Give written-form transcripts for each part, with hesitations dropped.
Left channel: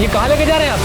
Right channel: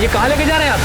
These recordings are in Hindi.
ये कहाँ लेके जा रहे हैं आप?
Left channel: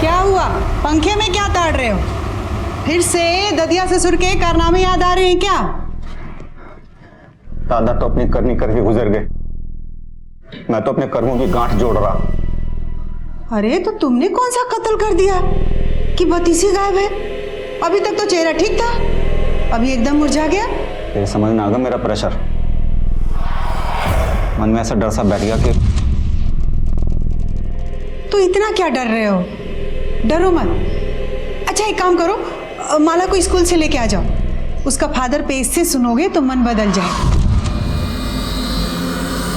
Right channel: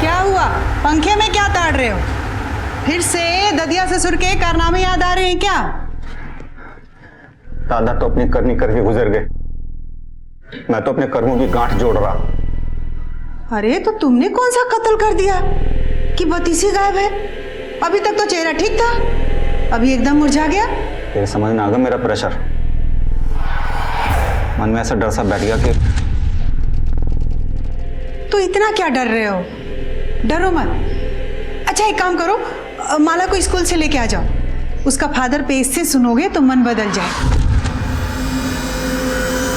क्या हुआ? पंखे में क्या ताड़ रहे हो? फिर से ददिया ससुर के कारनामे याद आ रहे हैं क्या? दादा तो अपनी करनी करके गुजर गए, मैं तो अपने कर्मों की गांठ जोड़ रहा। अरे तो तुमने कौन सा कत्ल कर दिया कि बतीसी गायब है? अभी तक तो चेहरा ठीक था, अभी एकदम मुरझा गया। तेरे समझ में आ गया मेरा प्रेशर? मन में ऐसा डर सा बैठ गया कि तो इतना क्या डर रहे हो? डरो मत। अच्छा एक काम करो, माला को स्कूल से लेके आ जाओ, उसका फादर पेज से सुनोगे तो मन बदल जाए।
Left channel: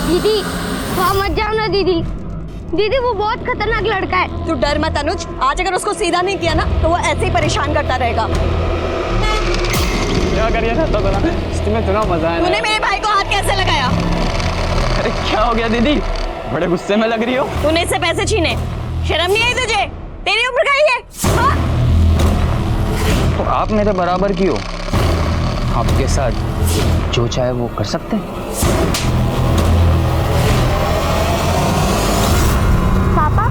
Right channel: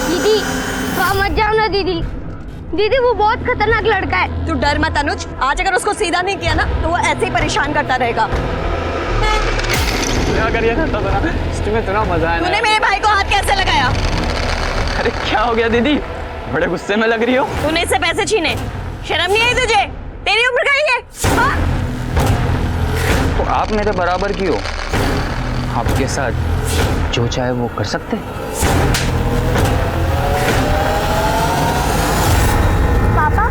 दीदी वहाँ मत जाओ ना दीदी, दीदी वो बहुत खतरनाक लड़का है। तू डर मत अनुज, आज अगर उसको सीधा नहीं किया ना तो वो ऐसे ही परेशान करता रहेगा। क्या करिए ना, तो ना इसमें इतना मजा है। तूने मेरे भाई को हाथ कैसे लगाया? अरे क्या हो गया दीदी, बड़े गुस्से में लग रही हो। तूने इससे पैसे छीने, शर्म नहीं आई तुझे? तेरी उम्र का ही है। हाँ? तो आप मेरे बराबर की हो, आपके साथ जो चाहे वो कर सकते हैं। पापा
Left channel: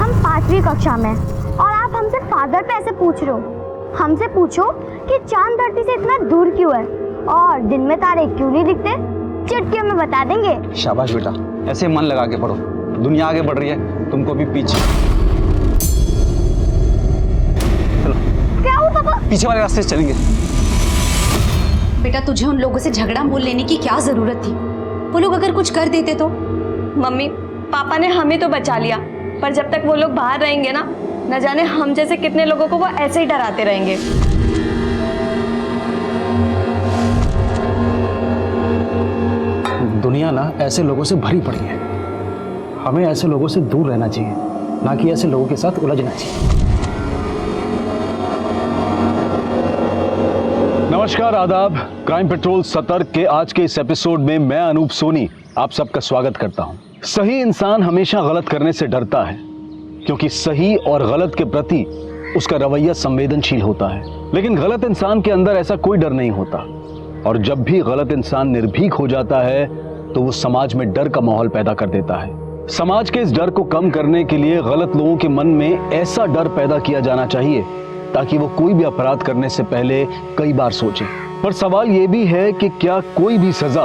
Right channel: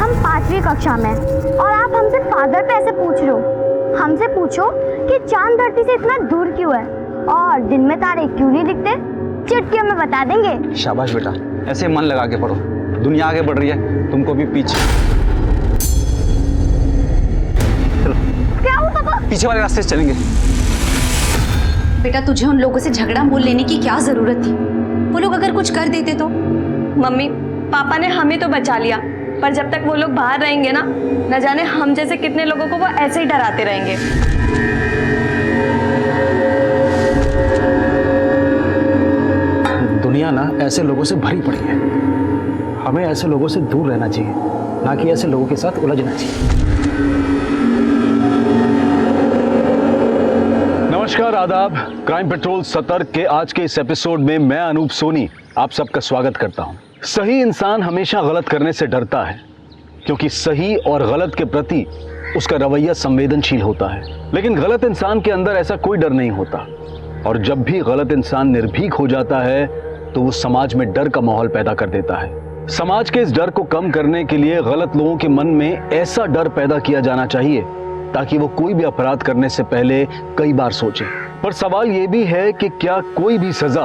हम 5वीं कक्षा में हैं और आप हमसे फादर पे ऐसे पूछ रहे हो। हमसे पूछो कि चांद धरती से इतना दूर क्यों है और दिन में तारे क्यों नहीं दिखते, चुटकियों में बता देंगे। शाबाश बेटा, ऐसे मन लगा के पढ़ो, दुनिया आगे बढ़ रही है, तुमको भी पीछे। चलो क्या हुआ पापा? पीछे वाले रास्ते से चलेंगे। बेटा तुझे उन लोगों से झगड़ा मोल लेने की क्या जरूरत थी? वो लोग अगर कुछ कर देते तो? मम्मी पापा ने हमें तो बचा लिया, पर जब तक वो लोग बाहर रहेंगे ना, न जाने हम जैसे कितने लोगों को वो ऐसे ही डराते रहेंगे। दुनिया ना ऐसे लोगों से भरी पड़ी है, हमें ऐसे लोगों से दूर रहना चाहिए, ना कि ऐसे लोगों के साथ उलझना चाहिए। नमस्कार, आदाब। क्राइम पेट्रोल सतर्क के आज के इस एपिसोड में मैं अनूप सोनी आप सबका स्वागत करता हूं। सही इंसान हमेशा गलत करने से डरता है, क्योंकि सही और गलत के प्रति उसका रवैया संवेदनशील होता है। लेकिन गलत इंसान के अंदर ऐसा कोई डर नहीं होता, और जब भी गलत इंसान निर्भीक हो जाता है तो वो समाज में डर का माहौल पैदा कर देता है। समाज के इस डर को कम करने के लिए गलत लोगों के मन में ऐसा डर पैदा किया जाना चाहिए ताकि वो कोई भी अपराध करने से पहले कई बार सोचें। पर सवाल ये भी है कि क्या कोई भी सजा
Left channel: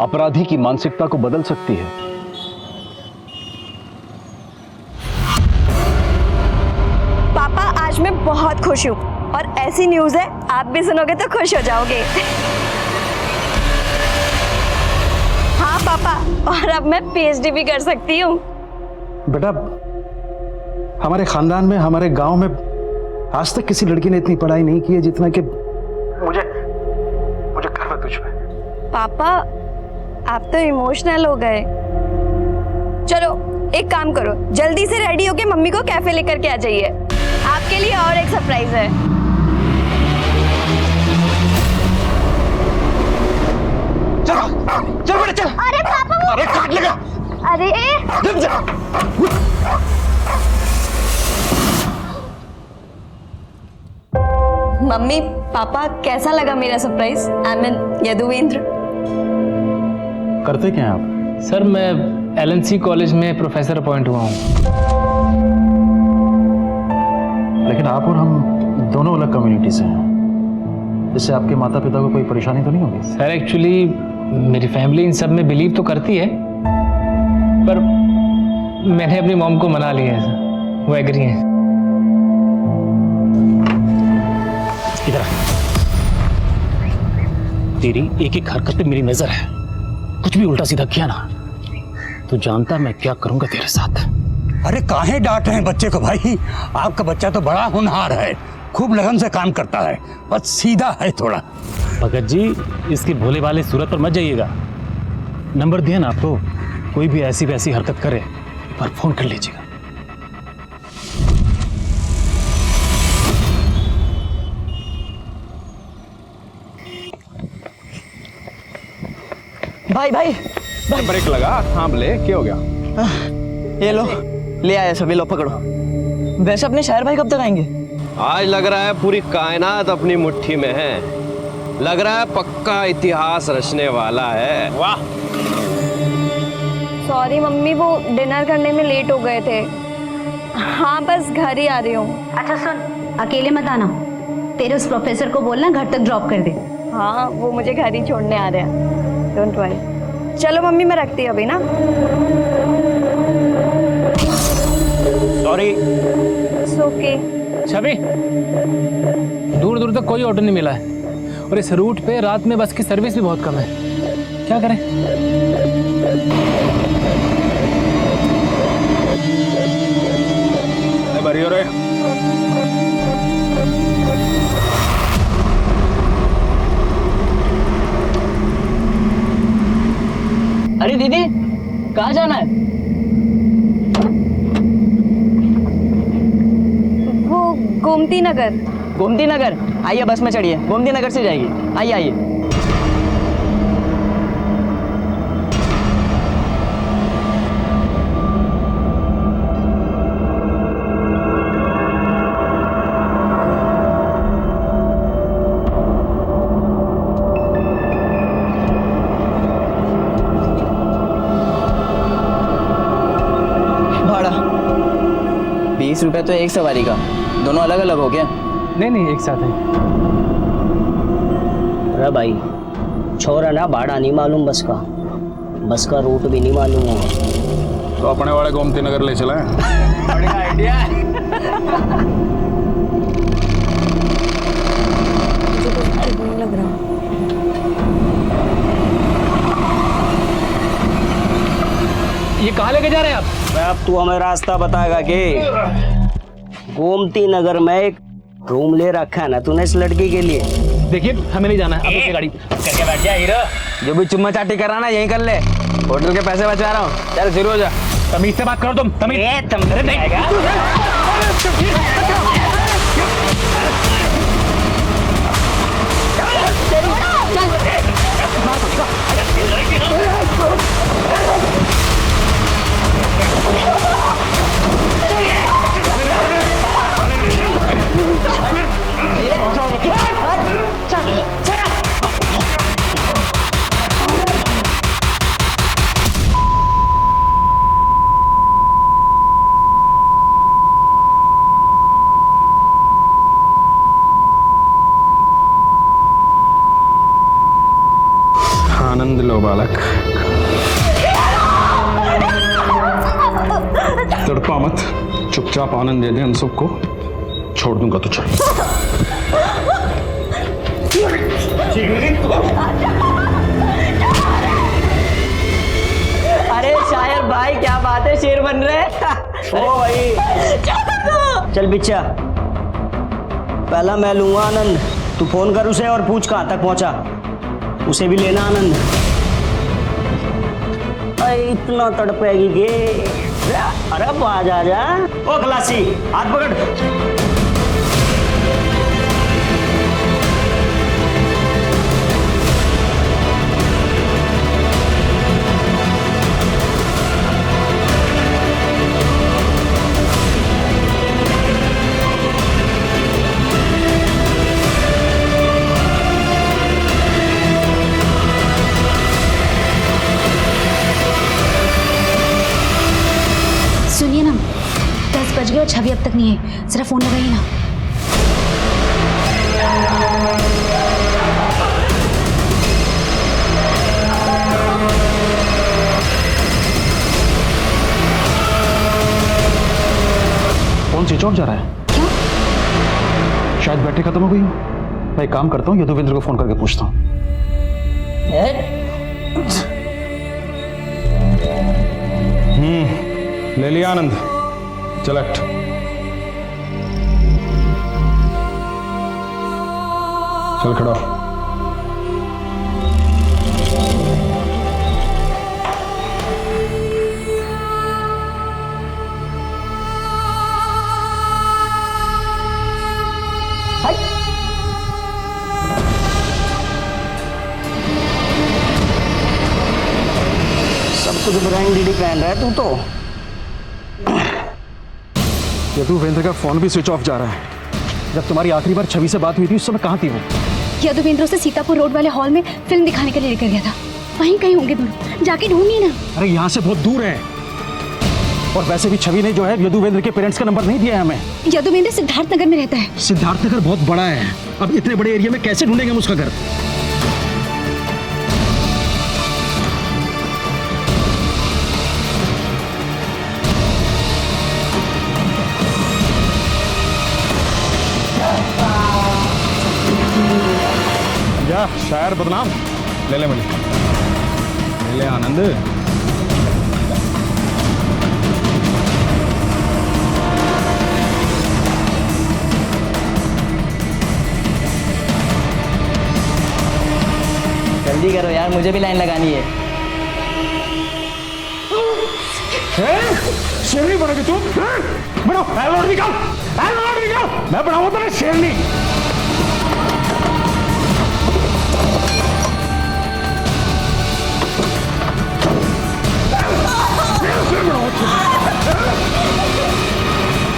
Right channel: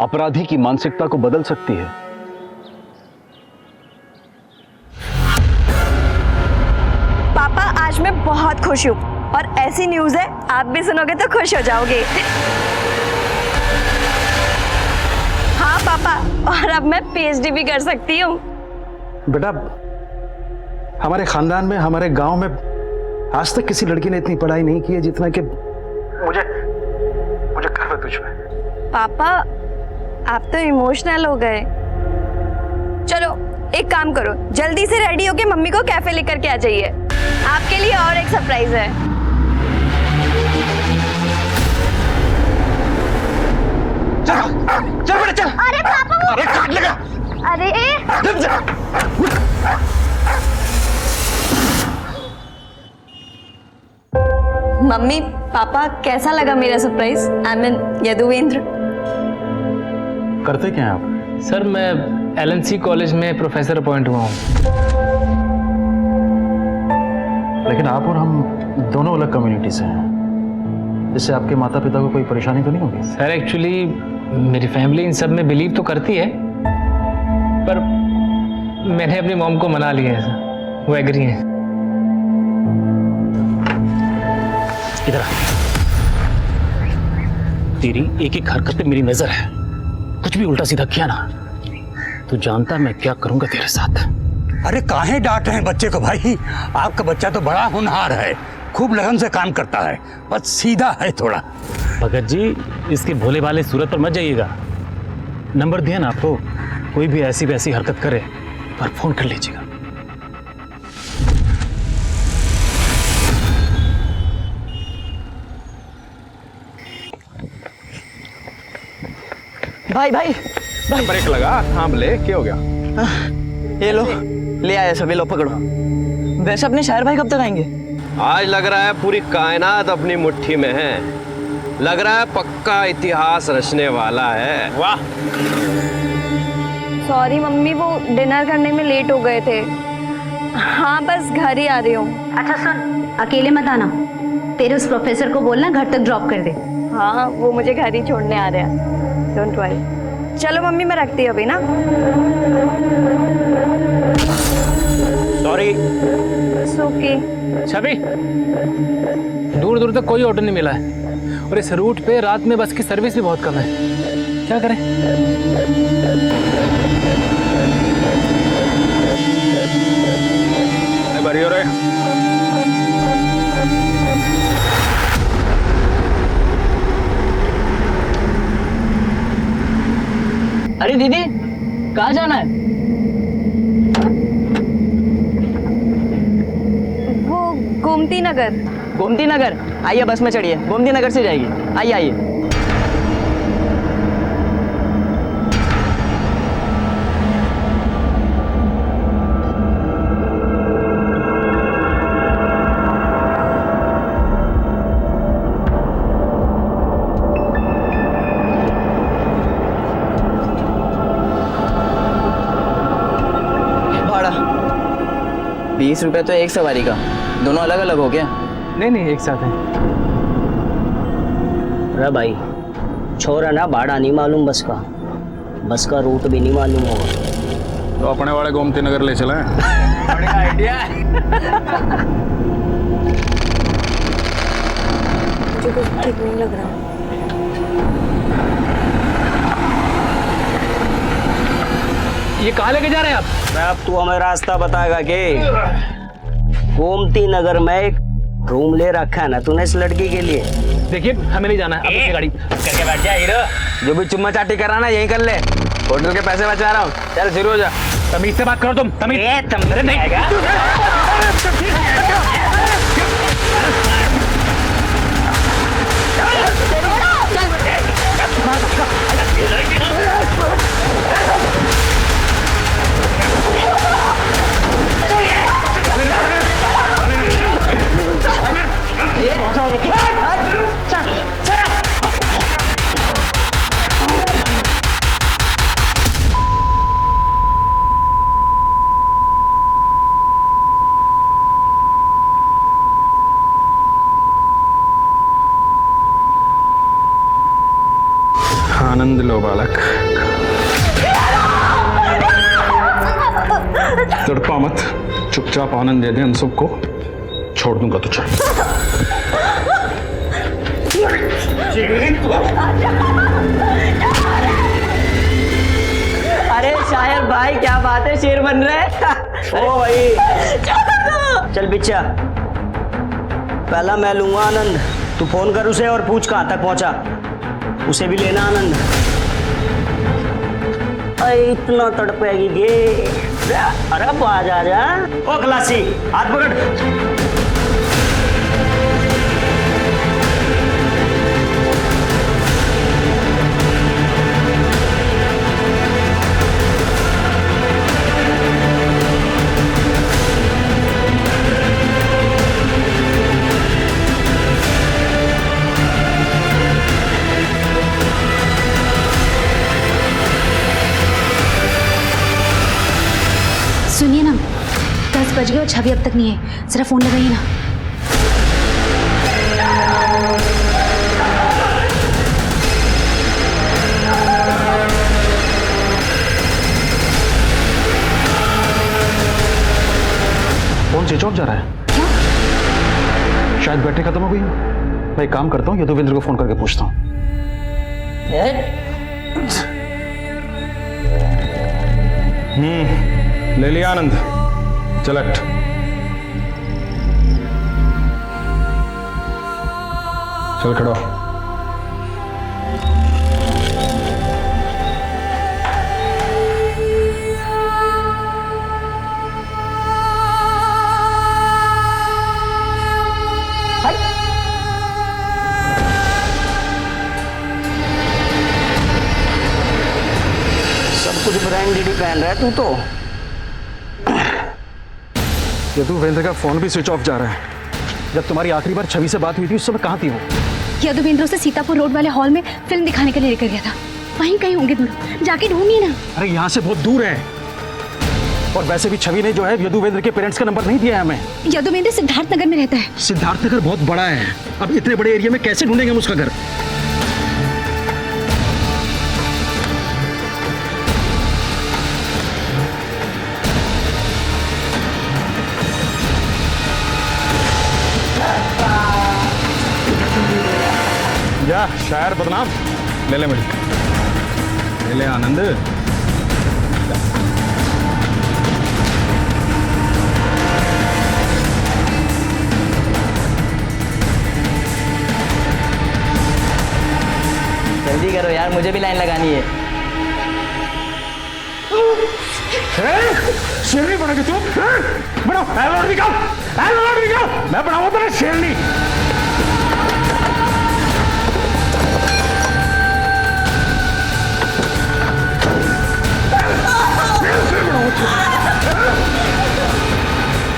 अपराधी की मानसिकता को बदल सकती है? पापा आज मैं बहुत खुश हूँ और ऐसी न्यूज़ है आप भी सुनोगे तो खुश हो जाओगे। हाँ पापा, और अब मैं पीएचडी भी कर सकती हूँ। बेटा हमारे खानदान में, हमारे गांव में आज तक किसी लड़की ने इतनी पढ़ाई नहीं की है जितना कि मुझे गर्व है तुझ पे। पापा आप तो इमोशनल हो गए। चलो एक काम करो, जल्दी से रेडी होके मम्मी को कैफे लेकर के आ जाइए, आपके लिए और एक सरप्राइज है। चल बेटा चल। अरे पापा वो, अरे काट लगा। अरे मम्मी पापा कैसा लगा मेरा सरप्राइज? I mean Yaduvendra. करते क्या हैं आप? सर मैं एलएनसी कॉलेज में प्रोफेसर अपॉइंट हुआ हूँ। लेकिन आप और हम दोनों अलग कम्युनिटी से हैं, इससे आपके माता पिता को कोई परेशानी तो नहीं होगी? सर एक्चुअली मेरी फैमिली इन सब में बिलीव तो करती है, पर मैंने अपनी मॉम को मना लिया है सर, वो एग्री है। इधर आ। तेरी एक एक हरकत पे मेरी नजर है, कुछ भी उल्टा सीधा किया ना तो जानता मैं क्या करूंगा तेरे साथ। अरे काहे डांट रहे हैं बच्चे को भाई? आपका बच्चा तो बड़ा होनहार है, खूब लगन से काम करता है, बस सीधा है थोड़ा। भगत जी, इसकी भोले भाले सूरत पर मत जाइएगा। नंबर दिया ना आपको, कोई भी ऐसी वैसी हरकत करे एक बार फोन कर लीजिएगा। भाई भाई ब्रेक लगा, थाम ले, क्या हो गया? ये लो, ले आए सभी, लो पकड़ो। वैसे अपने शायर भाई कब तक आएंगे? आज लग रहा है पूरी कायनात अपनी मुट्ठी में है, लग रहा है पक्का इतिहास रचने वाला है। वाह। सॉरी मम्मी, वो डिनर करने में लेट हो गए थे। हाँ बस घर ही आ रही हूँ। अच्छा सुन, अकेले मत आना, तेरे उस प्रोफेसर को बोलना घर तक ड्रॉप कर दे। हाँ वो मुझे घर ही छोड़ने आ रहे हैं, डोंट वरी। चलो मम्मी मैं रखती हूँ अभी ना। सॉरी। ओके। छवि, दूर दूर तक कोई ऑटो नहीं मिला है और इस रूट पे रात में बस की सर्विस भी बहुत कम है, क्या करें? बरी हो रहे। अरे दीदी, कहाँ जाना है? वो गोमती नगर। गोमती नगर? आइए बस में चढ़िए, गोमती नगर से जाएगी। आइए आइए। भाड़ा 20 रुपए तो एक सवारी का, दोनों अलग अलग हो गया? नहीं नहीं, एक साथ है। अरे भाई छोरा ना, भाड़ा नहीं मालूम बस का रूट भी नहीं मालूम होगा तो अपने वाले गोमती नगर ले चले। बढ़िया आइडिया। मुझे कुछ ठीक नहीं लग रहा। ये कहाँ लेके जा रहे हैं आप? मैं अब तू हमें रास्ता बताएगा कि गोमती नगर में एक रूम ले रखा है ना तूने इस लड़की के लिए। देखिए हमें नहीं जाना है, अब अपनी गाड़ी करके बैठ जा हीरो। जो भी चुम्मा चाटी कर रहा ना यहीं कर ले, होटल के पैसे बचा रहा हूँ। चल शुरू हो जा। तमीज से बात करो तुम, तमीज। अरे नहीं आनंद लो बालक, तड़पा मत, चुपचाप आनंद दे दे हम सबको, छोड़ दूंगा तुझे। अरे शायर भाई क्या बात है, शेर बन रहे हैं। ओ भाई चल बिच्चा, पहला मैं लूंगा आनंद, तू फोन कर उसे और पूछ कहाँ तक पहुंचा, उसे भी लेना आनंद। अरे इतना तड़पेगी गे। अरे अब आ जा। ओ खलासी हाथ पकड़। सुनिए ना, 10 बज गए और छवि अब तक नहीं है, जरा फोन लगाइए ना। फोन स्विच ऑफ जा रहा है। क्या? शायद बैटरी खत्म हो गई हो। मैं एक काम करता हूँ, यदुवेंद्र को फोन करके पूछता हूँ। ले लिया आनंद, चलट। चल खड़ा हो। सब कुछ ब्रांडेड ही पहन रहा है तू तो। यदुवेंद्र का फोन भी स्विच ऑफ जा रहा है। जब तुम्हारी आखिरी बार छवि से बात हुई थी उस समय कहाँ थी वो? यदुवेंद्र से सीतापुर रोड वाले हॉल में फिल्म दिखाने के लिए लेकर गया था। वहीं कहीं होंगे दोनों, जाके ढूंढिए ना। अरे यहाँ से बहुत दूर है, और वैसे भी छवि ने जो है यदुवेंद्र के पेरेंट्स का नंबर नहीं दिया है हमें। यदुवेंद्र सिद्धार्थ नगर में रहता है। सिद्धार्थ नगर बहुत बड़ा है, अब इतने बड़े एरिया में कैसे ढूंढेंगे हम उसका घर? जा शायर बदनाम, ले ले मुझे, ले ले आनंद। जल्दी करो यार, मुझे भी लाइन लगानी है। शेरनी बनोगे तुम? बनो, एलोड निकाल, एलोड निकाल। मैं बनाऊंगा तेरे शेरनी।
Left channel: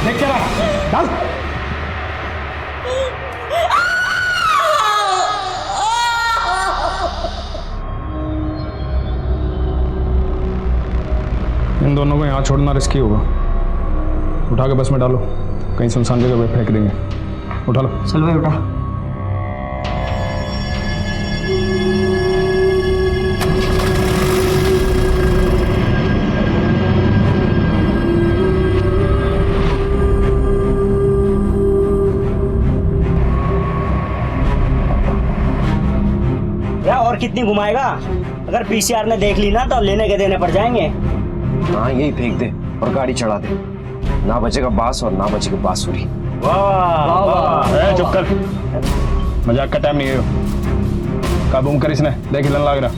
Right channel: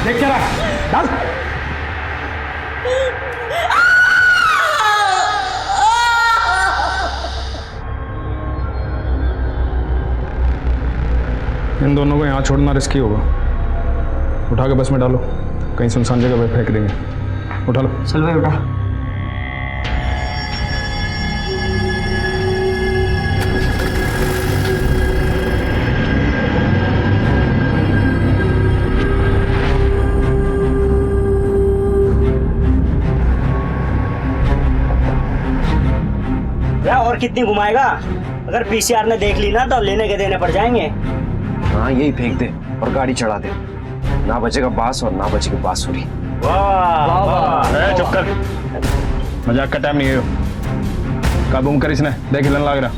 देख क्या रहा, डाल। इन दोनों को यहाँ छोड़ना रिस्की होगा। उठा के बस में डालो, कहीं सुनसान जगह पे फेंक देंगे। उठा लो। चल भाई उठा। और कितनी घुमाएगा? अगर पीसीआर ने देख ली ना तो लेने के देने पड़ जाएंगे। हाँ यही फेंक दे और गाड़ी चढ़ा दे, ना बचेगा बांस और ना बचेगी बांसुरी। वाह वाह वाह। चुप कर, मजाक का टाइम नहीं है। काबू कर इसने, देख हिलन लग रहा।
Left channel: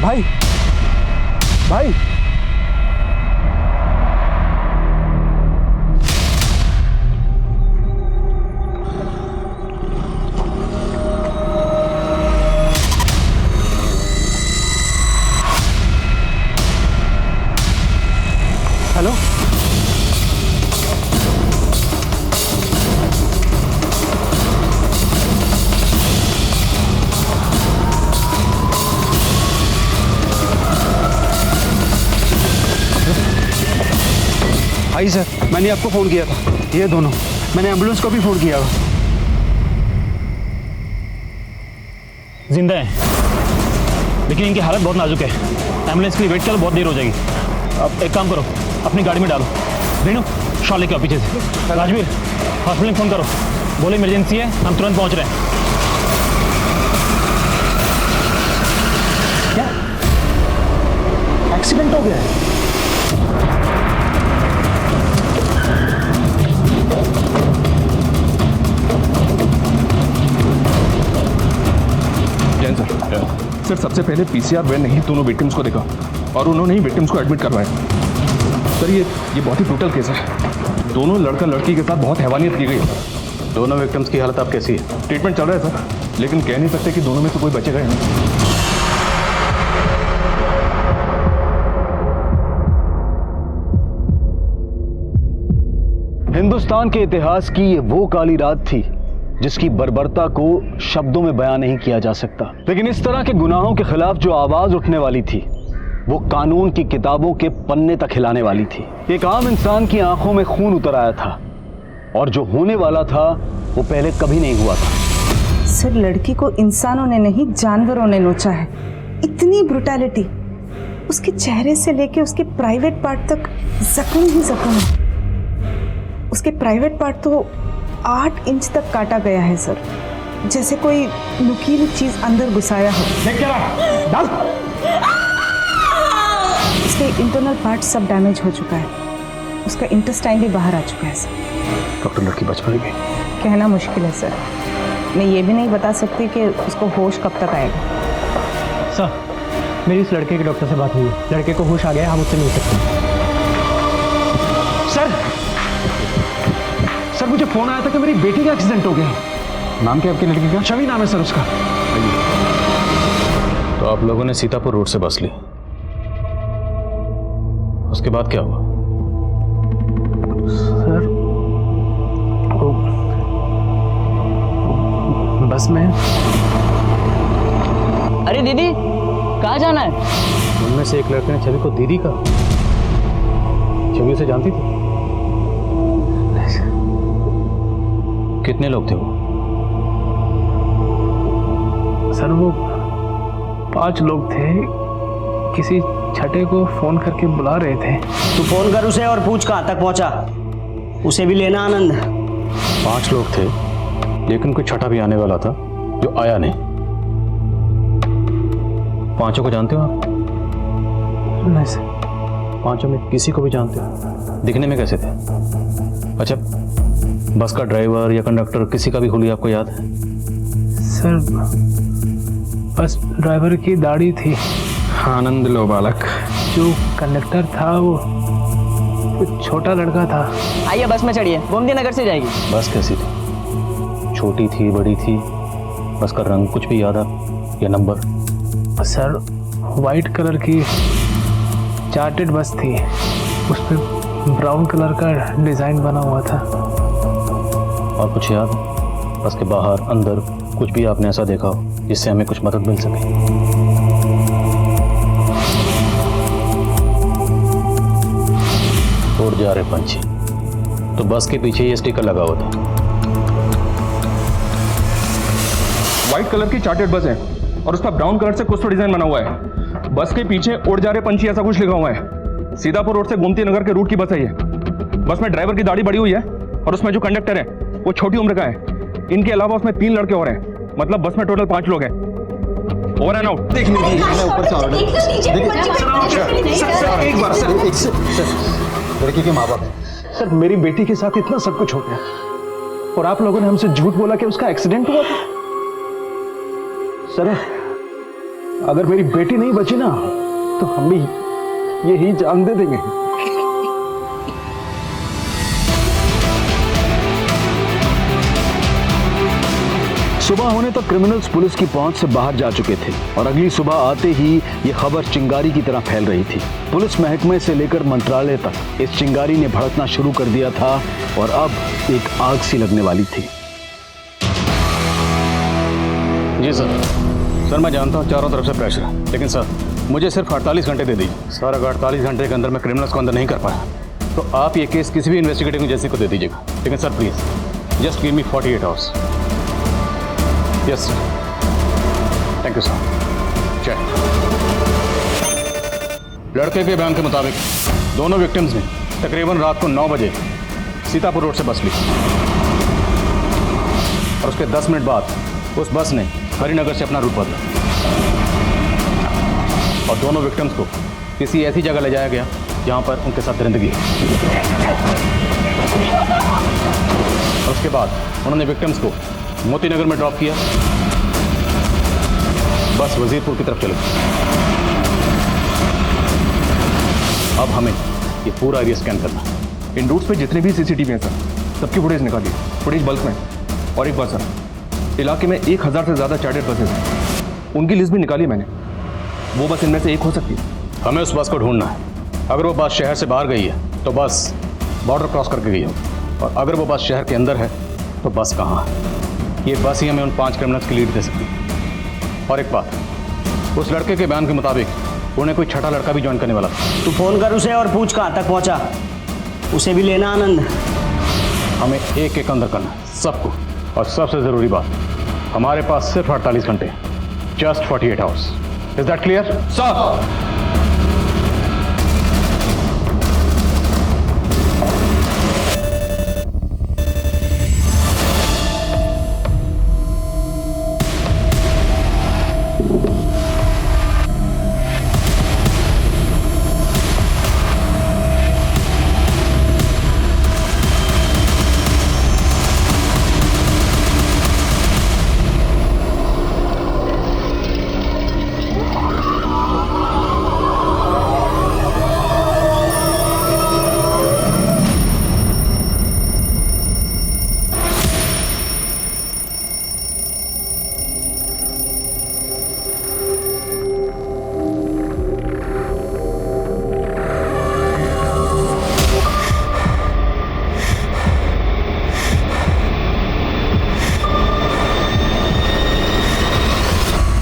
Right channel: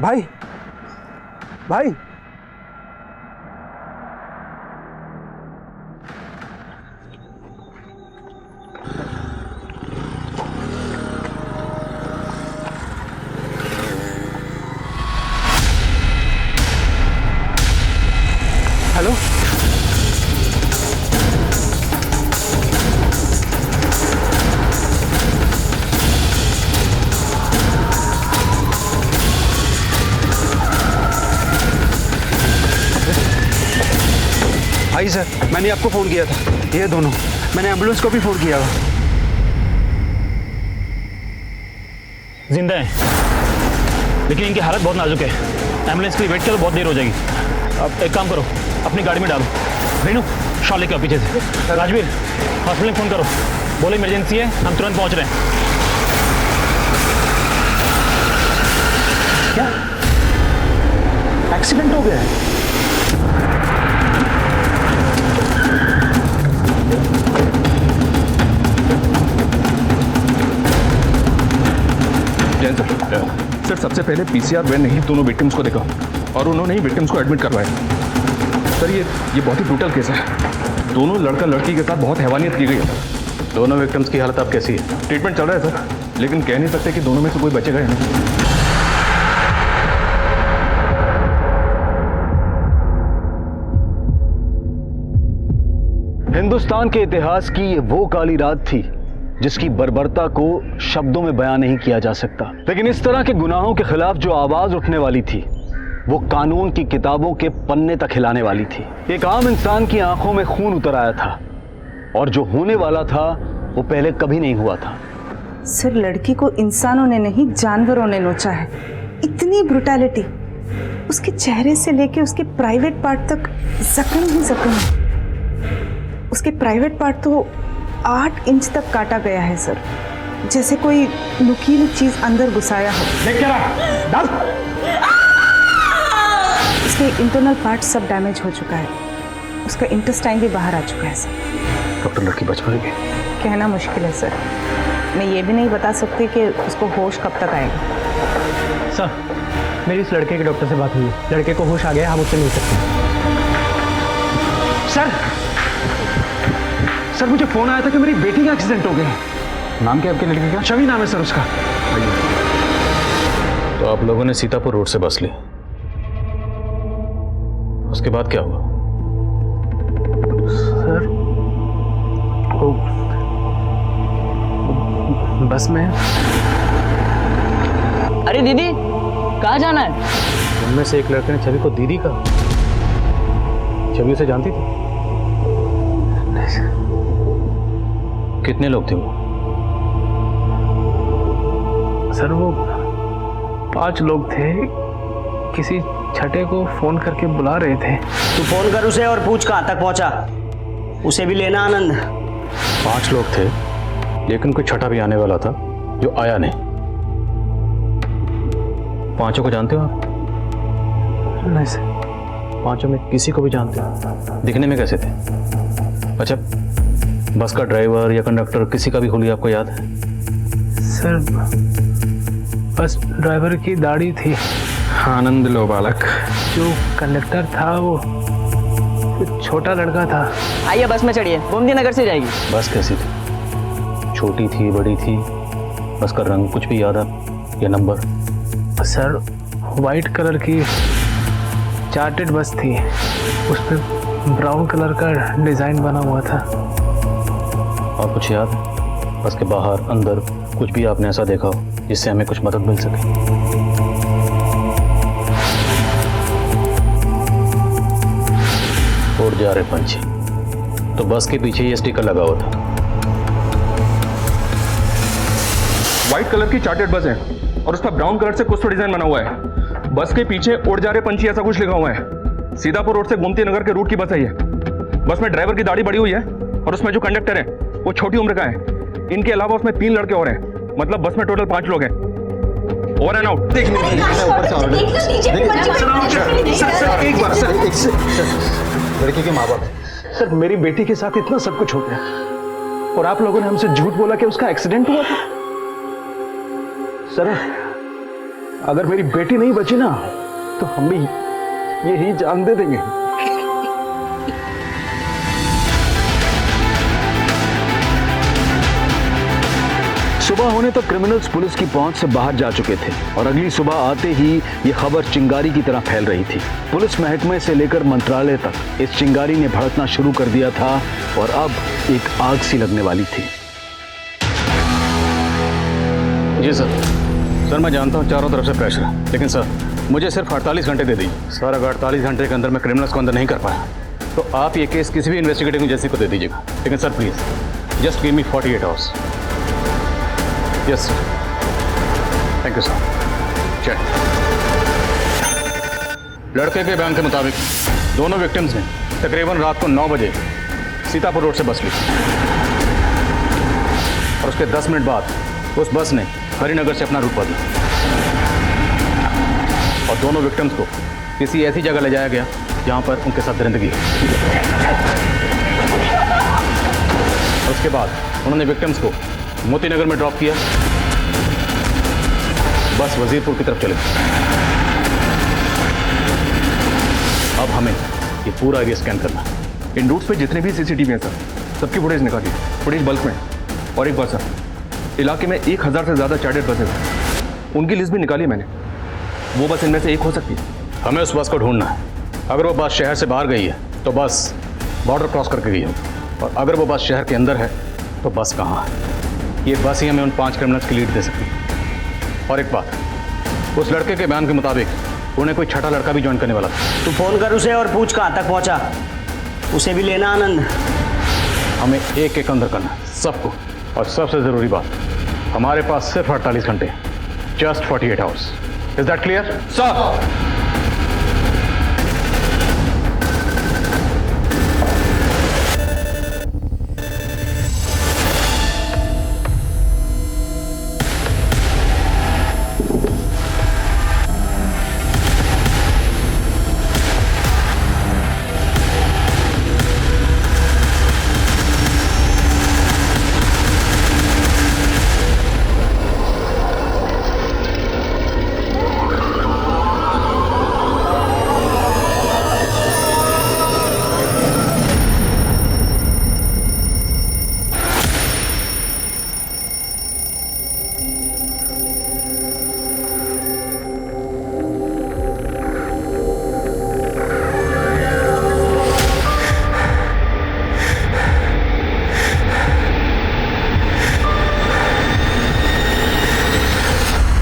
भाई भाई हेलो भाई सर, मैंने आपको फ़ोन किया था। ये दोनों, मैंने एम्बुलेंस को भी फ़ोन किया। जिंदा है, लेकिन इनकी हालत बहुत नाजुक है। एम्बुलेंस के लिए वेट करो, बहुत देर हो जाएगी। अब एक काम करो, अपनी गाड़ी में डालो। रेनू, शॉल लेके आओ पीछे से। राजवीर, हॉस्पिटल में फ़ोन करो, बोलो इमरजेंसी है, हम तुरंत पहुंच रहे हैं। क्या एक्सीडेंट हो गया है? जैन सर, सर सबसे पहले पीसीआर वैन ने ही दोनों विक्टिम्स को देखा और उन्होंने ही विक्टिम्स को एडमिट करवाया। सर ये बहुत ही ब्रूटल केस है। दोनों लड़का लड़की के साथ बहुत हैवानियत की गई है सर। दोनों विक्टिम्स की हालत अब कैसी है? ट्रीटमेंट चल रहा है सर, लेकिन कह नहीं सकते कि दोनों में से कोई बचेगा या नहीं। हिंदुस्तान के इतिहास की ये वो काली रात थी जिसकी बर्बरता को शब्दों में बयां नहीं किया जा सकता, लेकिन इस तरह के गुनाहों के खिलाफ जो आवाज उठने वाली थी वो कानून की किताबों के पन्ने तक हिलाने वाली थी। एक आम इंसान की आंखों में खून उतर आया था और जो होने वाला था वो पहले कभी नहीं हुआ था। सर, लड़की को इंसानों ने नहीं जानवरों ने नोचा है। इतनी ब्रुटैलिटी, उसके चेहरे से लेके उसके प्राइवेट पार्ट तक जख्म ही जख्म है। उसके प्राइवेट पार्ट तो 8 इंच तक काटा गया है सर, जैसे कोई नुकीली चीज अंदर घुसाया हो। उसके इंटरनल पार्ट सब डैमेज हो चुका है, उसका इंटेस्टाइन भी बाहर आ चुका है सर। डॉक्टर, लड़की बच पाएगी? कहना मुश्किल है सर, मैं ये भी नहीं बता सकती कि उसको होश कब तक आएगा। सर, मेरी इस लड़के के डॉक्टर से बात हुई है, लड़के को होश आ गया, हम उससे मिल सकते हैं। सर मुझे फोन आया था कि मेरी बेटी का एक्सीडेंट हो गया। नाम क्या आपके लड़के का? छवि नाम है सर उसका। आइए। तो आप लोगों ने सीतापुर रोड से बस ली, उसके बाद क्या हुआ? सर वो बस में। अरे दीदी, कहाँ जाना है? उनमें से एक लड़के ने छवि को दीदी कहा। छवि उसे जानती थी? कितने लोग थे वो? सर वो 5 लोग थे, किसी छठे को फोन करके बुला रहे थे। तू फोन कर उसे और पूछ कहाँ तक पहुंचा, उसे भी लेना आनंद। 5 लोग थे, लेकिन कोई छठा भी आने वाला था जो आया नहीं। 5 को जानते हो आप? नहीं सर। 5 में किसी को भी जानते हो? दिखने में कैसे थे? अच्छा, बस का ड्राइवर या कंडक्टर किसी का भी हुलिया आपको याद है? सर बस ड्राइवर की दाढ़ी थी। आनंद लो बालक। जो कंडक्टर था वो छोटा लड़का था। आइए बस में चढ़िए, गोमती नगर से जाएगी। बस कैसी थी? छोटी थी, बड़ी थी? बस का रंग कुछ भी याद है या नंबर? सर वाइट कलर की चार्टेड बस थी, उस पर ब्राउन कलर का डिजाइन बना हुआ था। और कुछ याद है? बस के बाहर अंदर कुछ भी आपने ऐसा देखा हो जिससे हमें कुछ मदद मिल सके? उड़ जा रहे पंछी, तो बस के पीछे ये स्टिकर लगा हुआ था। व्हाइट कलर की चार्टेड बस है और उस पर ब्राउन कलर से कुछ तो डिजाइन बना हुआ है। बस के पीछे उड़ जा रहे पंछी ऐसा कुछ लिखा हुआ है। सीतापुर रोड से गोमती नगर के रूट की बस है ये। बस में ड्राइवर की दाढ़ी बड़ी हुई है और उसमें जो कंडक्टर है वो छोटी उम्र का है। इनके अलावा उसमें 3 लड़के और हैं, मतलब बस में टोटल 5 लोग हैं। Over and out. देखिए ऊपर से एक बार सर, लड़की के माँ बाप हैं। सर, मेरी बेटी के साथ इतना सब कुछ हो गया और आप लोगों ने हमसे झूठ बोला कि उसका एक्सीडेंट हुआ था। सर, अगर मेरी बेटी नहीं बची ना तो हम भी यही जान दे देंगे। सुबह होने तक क्रिमिनल्स पुलिस की पहुंच से बाहर जा चुके थे और अगली सुबह आते ही ये खबर चिंगारी की तरह फैल रही थी। पुलिस महकमे से लेकर मंत्रालय तक इस चिंगारी ने भड़कना शुरू कर दिया था और अब एक आग सी लगने वाली थी। जी सर। सर, मैं जानता हूं चारों तरफ से प्रेशर है, लेकिन सर मुझे सिर्फ 48 घंटे दे दीजिए। सर, अगर 48 घंटे के अंदर मैं क्रिमिनल्स को अंदर नहीं कर पाया तो आप ये केस किसी भी इन्वेस्टिगेटिंग एजेंसी को दे दीजिएगा। लेकिन sir please just give me 48 hours. Yes sir, thank you sir. Check. लड़के के बयान के मुताबिक दोनों विक्टिम्स ने तकरीबन रात को 9 बजे सीतापुर रोड से बस ली और उसके 10 मिनट बाद उस बस ने हरिनगर से अपना रूट बदला और दोनों विक्टिम्स को किसी ऐसी जगह ले जाया गया जहां पर उनके साथ दरिंदगी है। और उसके बाद उन्होंने विक्टिम्स को मोतीनगर में ड्रॉप किया। बस वजीरपुर की तरफ चले गई। अब हमें ये पूरा एरिया स्कैन करना है। इन रूट्स पे जितने भी सीसीटीवी हैं सर, सबकी फुटेज निकालिए, फुटेज बल्क में। और एक बात सर, इलाके में 1000 से ज़्यादा चार्टर्ड बसेज हैं, उनकी लिस्ट भी निकाली मैंने। वो बस इनमें से एक हो सकती है। हमें उस बस को ढूंढना है। अगर वो बस शहर से बाहर गई है तो बस बॉर्डर क्रॉस करके गई होगी, और अगर वो बस शहर के अंदर है तो बस कहाँ है। ये बस ही हमें उन 5 क्रिमिनल्स की लीड दे सकती है। और एक बात, उस लड़के के बयान के मुताबिक उन्हें कोई छठा लड़का भी ज्वाइन करने वाला था। तू फोन कर उसे और पूछ कहाँ तक पहुंचा, उसे भी लेना आनंद। हमें एक एक अंदर करना है सबको। और सबसे जरूरी बात, हमारे पास सिर्फ 48 घंटे हैं, just 48 hours. Is that clear sir?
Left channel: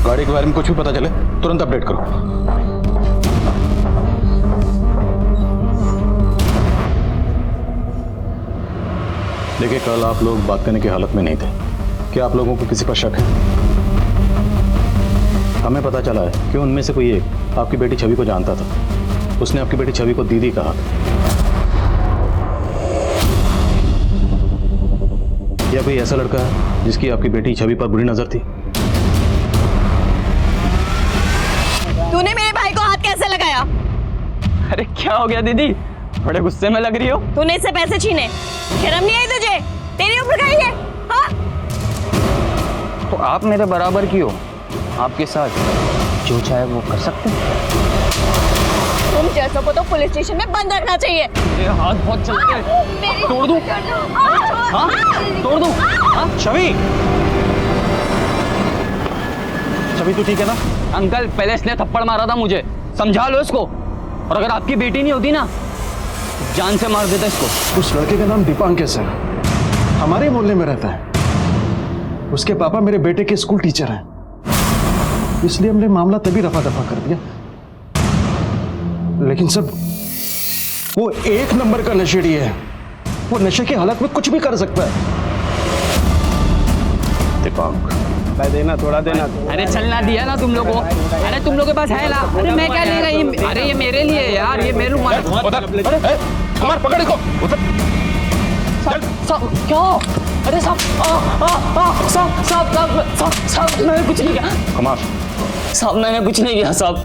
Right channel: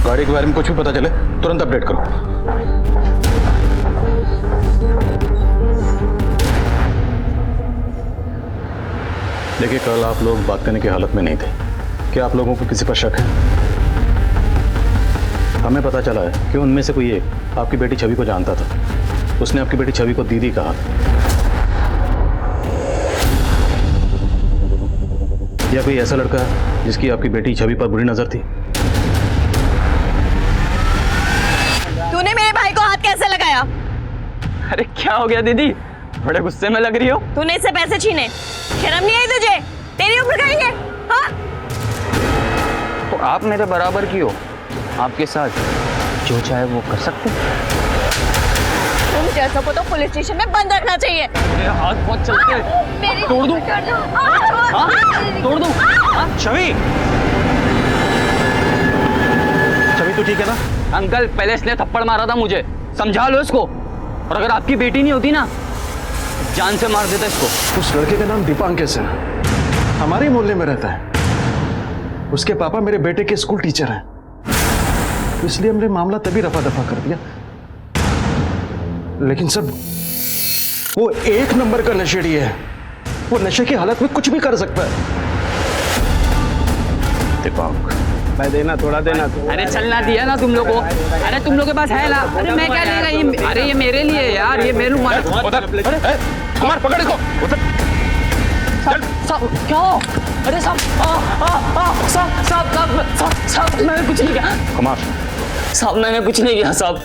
गाड़ी के बारे में कुछ भी पता चले तुरंत अपडेट करो। देखिए, कल आप लोग बात करने की हालत में नहीं थे। क्या आप लोगों को किसी पर शक है? हमें पता चला है कि उनमें से कोई एक आपकी बेटी छवि को जानता था। उसने आपकी बेटी छवि को दीदी कहा था। या कोई ऐसा लड़का है जिसकी आपकी बेटी छवि पर बुरी नजर थी? तूने मेरे भाई को हाथ कैसे लगाया? अरे क्या हो गया दीदी, बड़े गुस्से में लग रही हो। तूने इससे पैसे छीने, शर्म नहीं आई तुझे? तेरी उम्र का ही है, हाँ? तो आप मेरे बराबर की हो, आपके साथ जो चाहे वो कर सकते हैं। तुम जैसों को तो पुलिस स्टेशन में बंद रखना चाहिए। मेरे हाथ बहुत चलते हैं। तोड़ दूं? हाँ? तोड़ दूं? हाँ? छवि, छवि तू ठीक है ना? अंकल, पहले इसने थप्पड़ मारा था मुझे, समझा लो इसको। और अगर आपकी बेटी नहीं होती ना, जान से मार देता इसको। उस लड़के का नाम दीपांकेश है, हमारे मोहल्ले में रहता है। उसके पापा मेरे बेटे के स्कूल टीचर हैं, इसलिए हमने मामला तभी रफा दफा कर दिया। लेकिन सब वो एक नंबर का नशेड़ी है। वो नशे की हालत में कुछ भी कर सकता है। दीपांक, मैं देना, थोड़ा देना। अरे चलना दिया ना तुम लोगों को। अरे तुम लोग के पास है ना? अरे मैं क्या लेगा ये? अरे ये मेरे लिए है यार, ये मेरे रुमाल। कुमार पकड़ इसको। क्या? अरे साहब मैंने कुछ नहीं किया। कुमार, साहब मैंने कुछ नहीं किया साहब।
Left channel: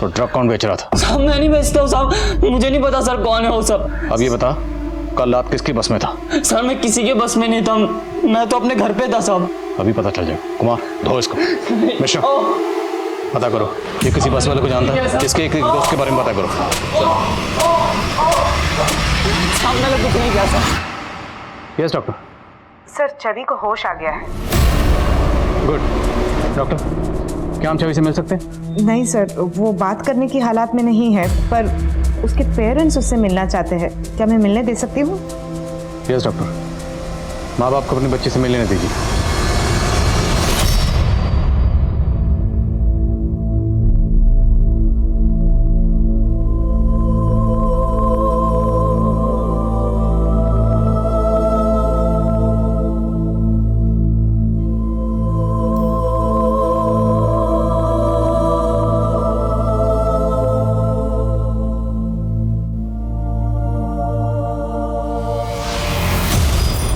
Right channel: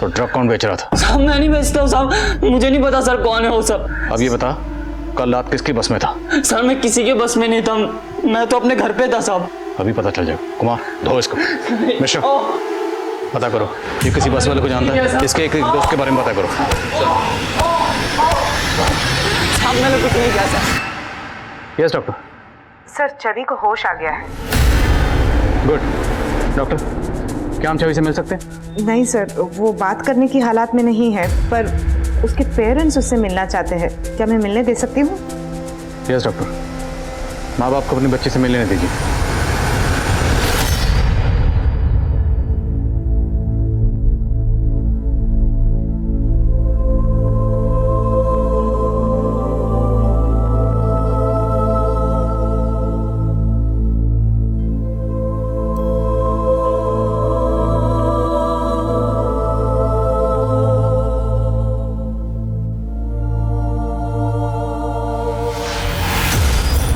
तो ड्रग कौन बेच रहा था? साहब मैं नहीं बेचता हूँ साहब, मुझे नहीं पता सर कौन है वो सब। अब ये बता, कल रात किसकी बस में था? सर मैं किसी के बस में नहीं था, मैं तो अपने घर पे था साहब। अभी पता चल जाएगा। कुमार, धो इसको। मिश्रा, पता करो ये किसी बस वाले को जानता है, इसके एक दोस्त के बारे में पता करो। साहब मैंने कुछ नहीं किया सर। Yes doctor. सर छवि को होश आ गया है। गुड। डॉक्टर, क्या हम छवि से मिल सकते हैं? नहीं सर, वो बात करने की हालात में नहीं है, पर उसके पेरेंट्स उससे मिलना चाहते हैं। क्या मैं मिलने दे सकती हूँ? Yes doctor. माँ बाप को अपनी बच्ची से मिलने दीजिए।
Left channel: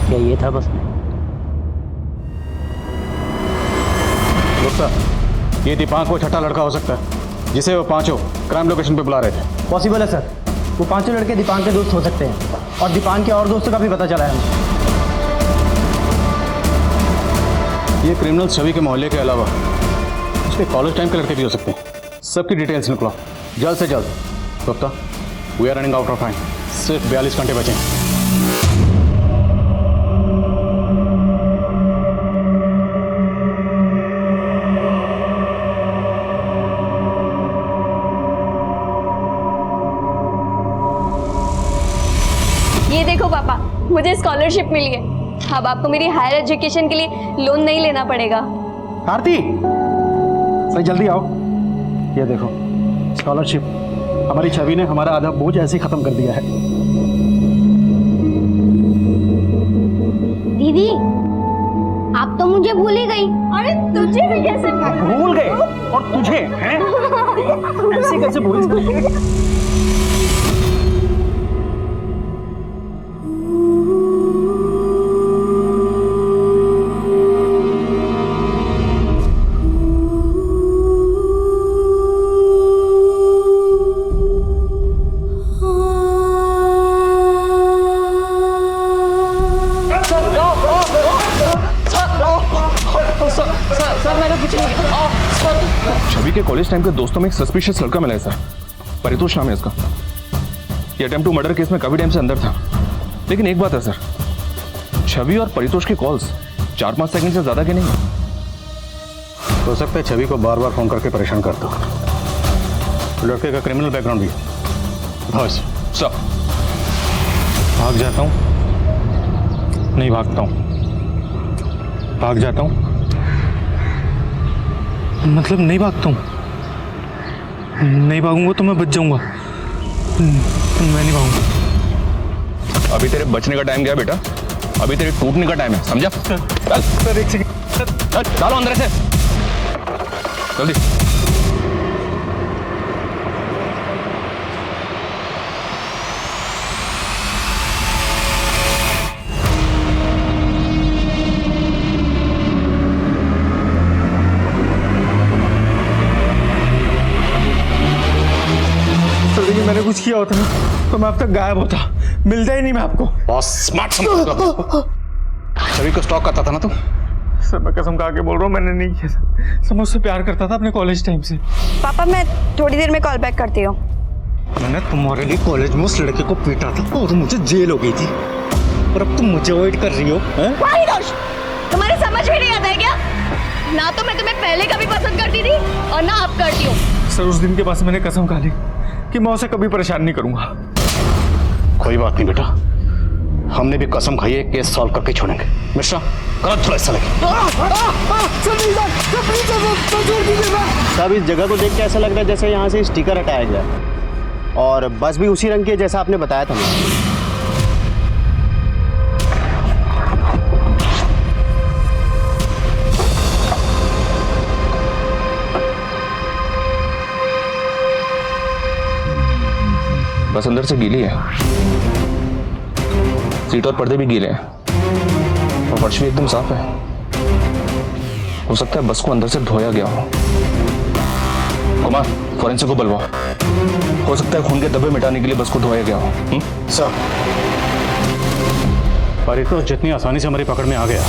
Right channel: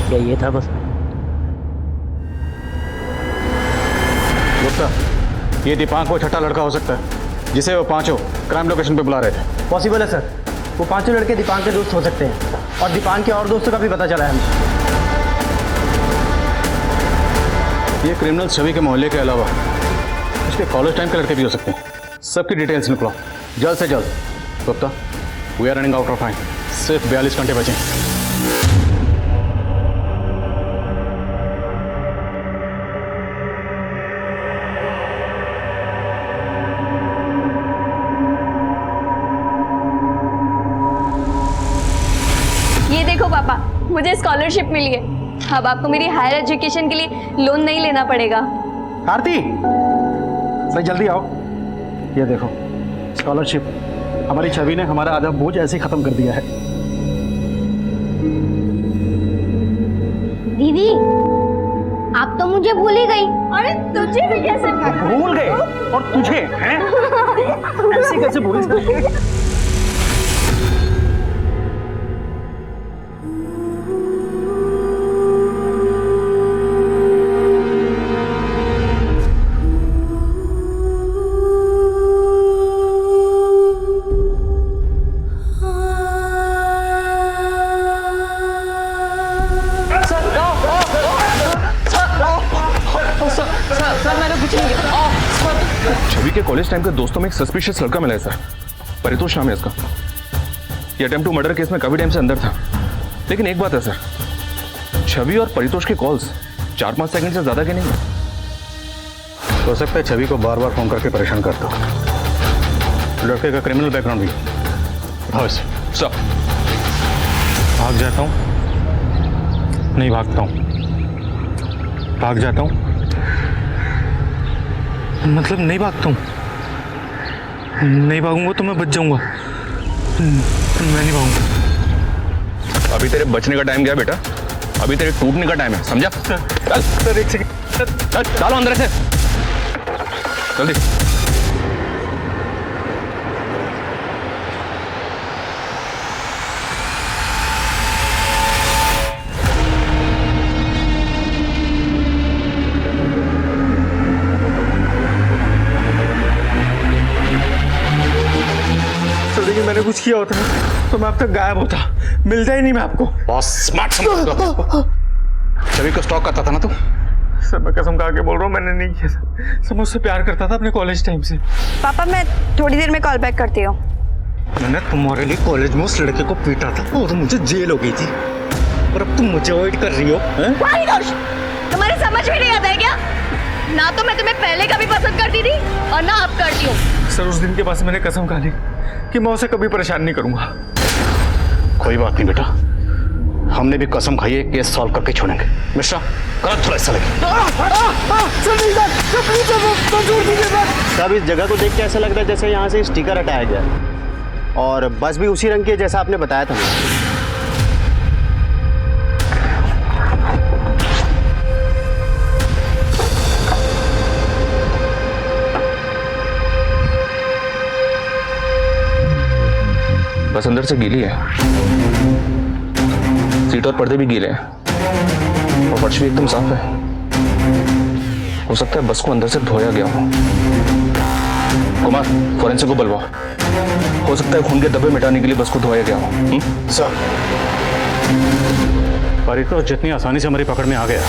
क्या ये था बस में? गुप्ता, ये दीपांक वो छठा लड़का हो सकता है जिसे वो पांचों क्राइम लोकेशन पे बुला रहे थे। पॉसिबल है सर, वो पांचों लड़के दीपांक के दोस्त हो सकते हैं और दीपांक के और दोस्तों का भी पता चला है हमें। ये क्रिमिनल छवि के मोहल्ले के अलावा उसके कॉलेज टाइम के लड़के भी हो सकते हैं। सबकी डिटेल्स निकलो जल्द से जल्द। Gupta, we are running out of time, सिर्फ 42 घंटे बचे हैं। ये देखो पापा, मुझे स्कॉलरशिप मिली है। अब आपको मेरी हायर एजुकेशन के लिए लोन नहीं लेना पड़ेगा। आरती, भाई जल्दी आओ। ये देखो स्कॉलरशिप, हमारी छवि ने हमारा आधा बोझ ऐसे ही खत्म कर दिया है। दीदी, आप तो मुझे भूल ही गई। अरे तुझे भी कैसे भूल गए? और तुझे हैं? ऐसे कैसे भूल गए? छवि के कॉलेज टाइम के दोस्तों में एक सस्पिशियस लड़का मिला है सर, परितोष नाम है इसका। ये अटेम्प्ट टू मर्डर केस में काफी टाइम से अंदर था। लेकिन एक बात है सर, छवि और परितोष की कॉल्स 4-5 सेकंड से ज्यादा के नहीं है। हो सकता है छवि को बार बार फोन करके परेशान करता हो। लड़के का क्रिमिनल बैकग्राउंड भी उठाओ इसे। सर, भाग जाता हूँ? नहीं भागता हूँ। भाग जाता हूँ मतलब नहीं भागता हूँ। नहीं भागूंगा तो मैं बच जाऊंगा। मैं नहीं भागूंगा। अभी तेरे बचने का टाइम गया बेटा, अभी तेरे टूटने का टाइम है, समझा? चल सर, एक सेकंड, डालो अंदर से जल्दी। देखिए, मैंने कुछ किया होता ना तो मैं अब तक गायब होता, मिलता ही नहीं मैं आपको। बहुत स्मार्ट समझ छवि को स्टॉक करता था ना तू? सर मैं कसम खा के बोल रहा हूँ, मैंने नहीं किया सर। सर मैं उससे प्यार करता था अपने कॉलेज टाइम से। पापा मैं थोड़ी देर में कॉल बैक करती हूँ। मैंने तुम्हारे लिए कॉलेज में उस लड़के को पीटा था और मुझे जेल हो गई थी, और अब तुम मुझे अवॉइड कर रही हो। परितोष, तुम्हारे समझ में नहीं आता है क्या? ना तो मैं तुम्हें पहले कभी पसंद करती थी और ना अब करती हूँ। सर उस दिन के बाद मैंने कसम खा ली कि मैं उसे कभी परेशान नहीं करूंगा। कोई बात नहीं बेटा, हमने भी कसम खाई है, केस सॉल्व करके छोड़ेंगे। मिश्रा, कर थोड़ा हिस्सा लेके। साहब इस जगह को देख के ऐसा लग रहा है जैसे यहाँ से स्टिकर हटाया गया, और बस भी उसी रंग की है जैसा आपने बताया था मुझे। बस अंदर से गीली है, सीट और पर्दे भी गीले हैं और फर्श भी एकदम साफ है। हो सकता है बस को अंदर से धोया गया हो। कुमार, फोरेंसिक को बुलवाओ। हो सकता है खून के धब्बे मिटाने के लिए बस को धोया गया हो। सर, परितोष जितनी आसानी से हमारी पकड़ में आ गया,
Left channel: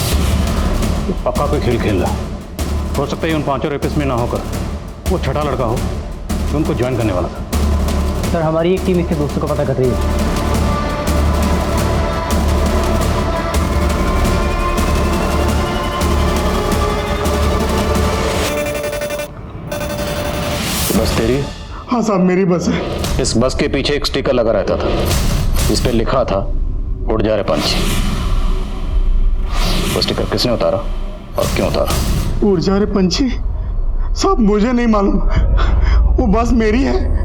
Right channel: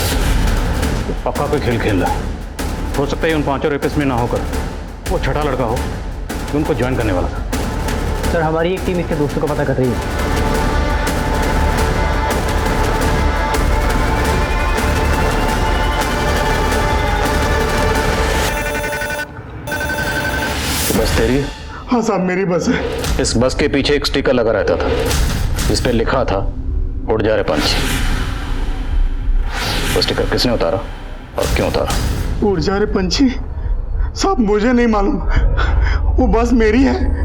पक्का कोई खेल खेल रहा है। हो सकता है उन पांचों रेपिस्ट में ना होकर वो छठा लड़का हो जो उनको ज्वाइन करने वाला था। सर हमारी एक टीम इसके दोस्तों को पता कर रही है। बस तेरी? हाँ साहब मेरी बस है। इस बस के पीछे एक स्टिकर लगा रहता था, इस पे लिखा था उड़ जा रे पंछी। वो स्टिकर किसने उतारा और क्यों उतारा? उड़ जा रे पंछी? साहब मुझे नहीं मालूम, वो बस मेरी है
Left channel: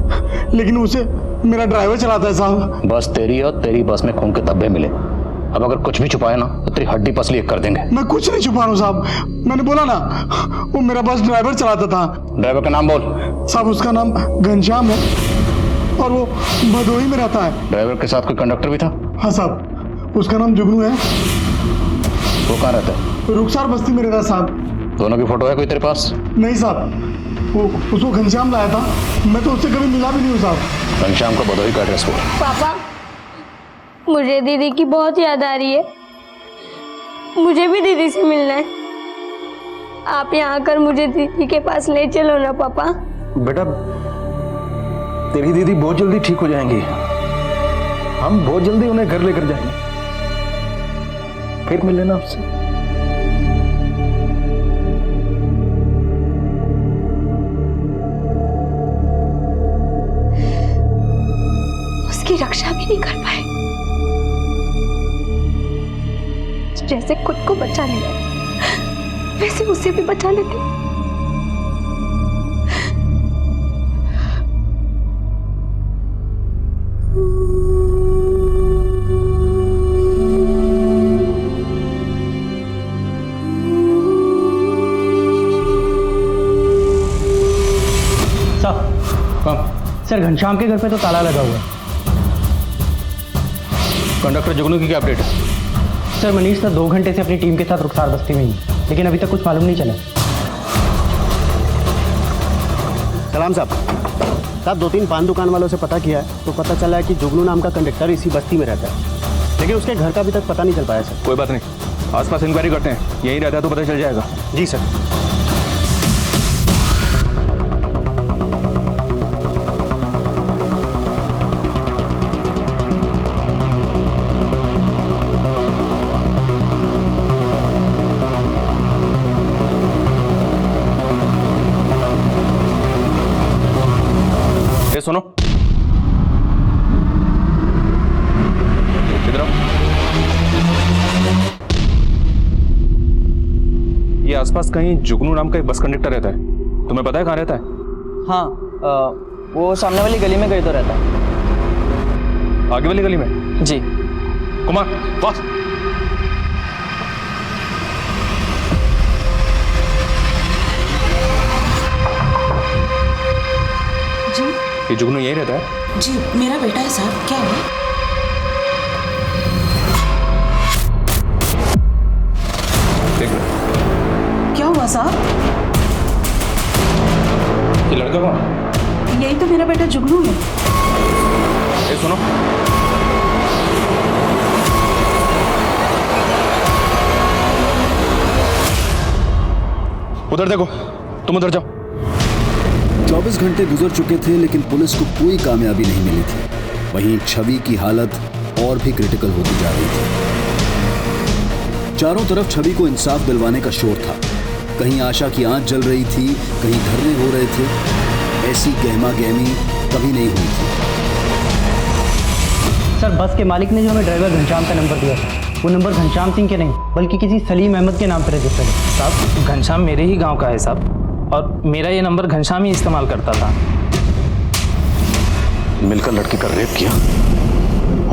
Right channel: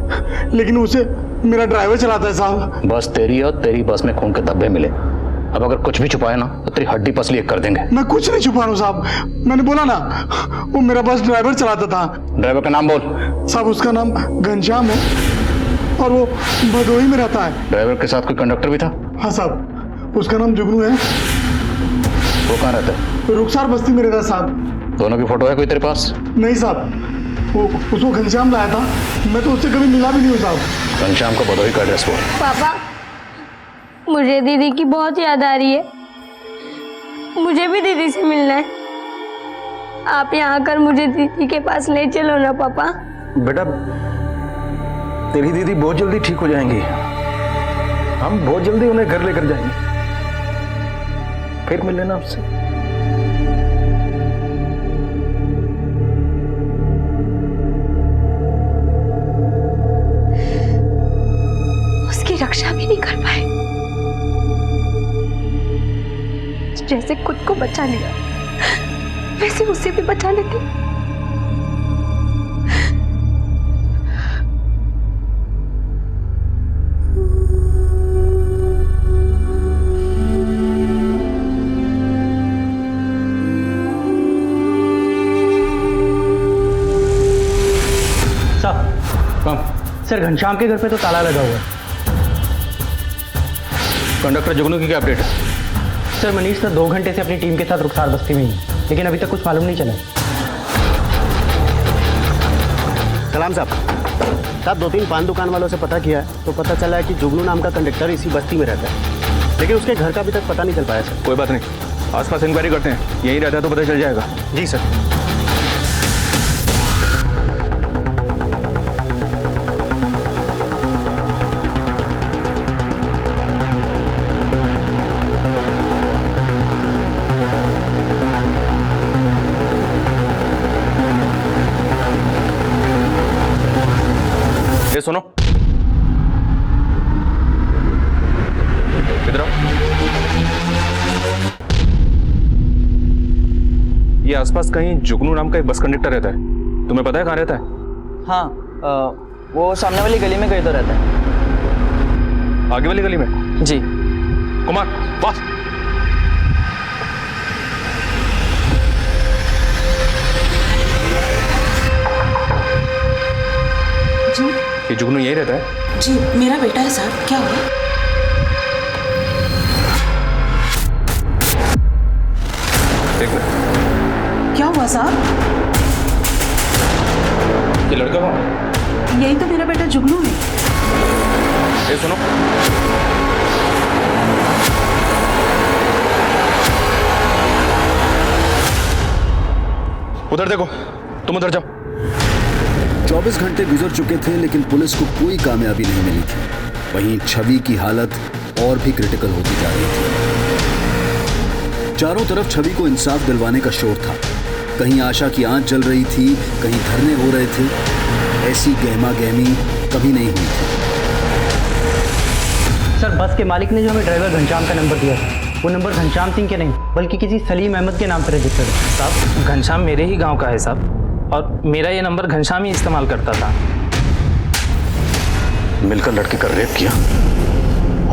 लेकिन उसे मेरा ड्राइवर चलाता है साहब। बस तेरी है और तेरी बस में खून के धब्बे मिले। अब अगर कुछ भी छुपाया ना तो तेरी हड्डी पसली एक कर देंगे। मैं कुछ नहीं छुपा रहा हूँ साहब, मैंने बोला ना वो मेरा बस ड्राइवर चलाता था। ड्राइवर का नाम बोल। साहब उसका नाम घनश्याम है और वो भदोही में रहता है। ड्राइवर के साथ कोई कंडक्टर भी था? हाँ साहब, उसका नाम जुगनू है वो कहाँ रहता है? रुखसार बस्ती में रहता है साहब। दोनों की फोटो है कोई तेरे पास? नहीं साहब, वो उसको घनश्याम लाया था, मैं तो उससे कभी मिला भी नहीं हूँ साहब। घनश्याम का भदोही का एड्रेस बोल। पापा, मुझे दीदी की बहुत याद आ रही है, मुझे भी दीदी से मिलना है। आप यहाँ आकर मुझे दीदी के पास ले चलो ना पापा। बेटा, तेरी दीदी बहुत जल्दी ठीक हो जाएंगी, हम बहुत जल्दी उन्हें घर लेकर जाएंगे, फिर मिल लेना आपसे। उसकी रक्षा भी नहीं कर पाए, जैसे खुद को बचा लिया वैसे उसे भी बचा लेते। सर, घनश्याम के घर पे तो ताला लगा हुआ है। कंडक्टर जुगनू की क्या अपडेट है? सर, मनीष सर 2 घंटे से अपनी टीम के साथ रुखसार बस्ती में ही, लेकिन अभी तक कुछ मालूम नहीं चला। सलाम साहब, 2-3 पान दुकान वालों से पता किया है तो पता चला है कि जुगनू नाम का कंडक्टर इसी बस्ती में रहता है, लेकिन उसके घर का अभी तक पता नहीं चल पाया सर। कोई बात नहीं, आसपास इंक्वायरी करते हैं, यहीं रहता है तो पता चल जाएगा। जी सर। ये सुनो, इधर आओ। ये आसपास कहीं जुगनू नाम का एक बस कंडक्टर रहता है, तुम्हें पता है कहाँ रहता है? हाँ, वो सामने वाली गली में कहीं तो रहता है। आगे वाली गली में? जी। कुमार, बस। जी ये जुगनू यहीं रहता है? जी, मेरा बेटा है साहब। क्या हुआ? देख ले। क्या हुआ साहब? ये लड़का कौन है? यही तो मेरा बेटा जुगनू है। ये सुनो, उधर देखो, तुम उधर जाओ। 24 घंटे गुजर चुके थे लेकिन पुलिस को कोई कामयाबी नहीं मिली थी। वहीं छवि की हालत और भी क्रिटिकल होती जा रही थी। चारों तरफ छवि को इंसाफ दिलवाने का शोर था। कहीं आशा की आंच जल रही थी, कहीं धरने हो रहे थे। ऐसी गहमा गहमी कभी नहीं हुई थी। सर, बस के मालिक ने जो हमें ड्राइवर घनश्याम का नंबर दिया था, वो नंबर घनश्याम सिंह के नहीं बल्कि किसी सलीम अहमद के नाम पर रजिस्टर्ड है। साहब, घनश्याम मेरे ही गांव का है साहब, और मेरा ये नंबर घनश्याम ही इस्तेमाल करता था। मिलकर लड़की का रेप किया,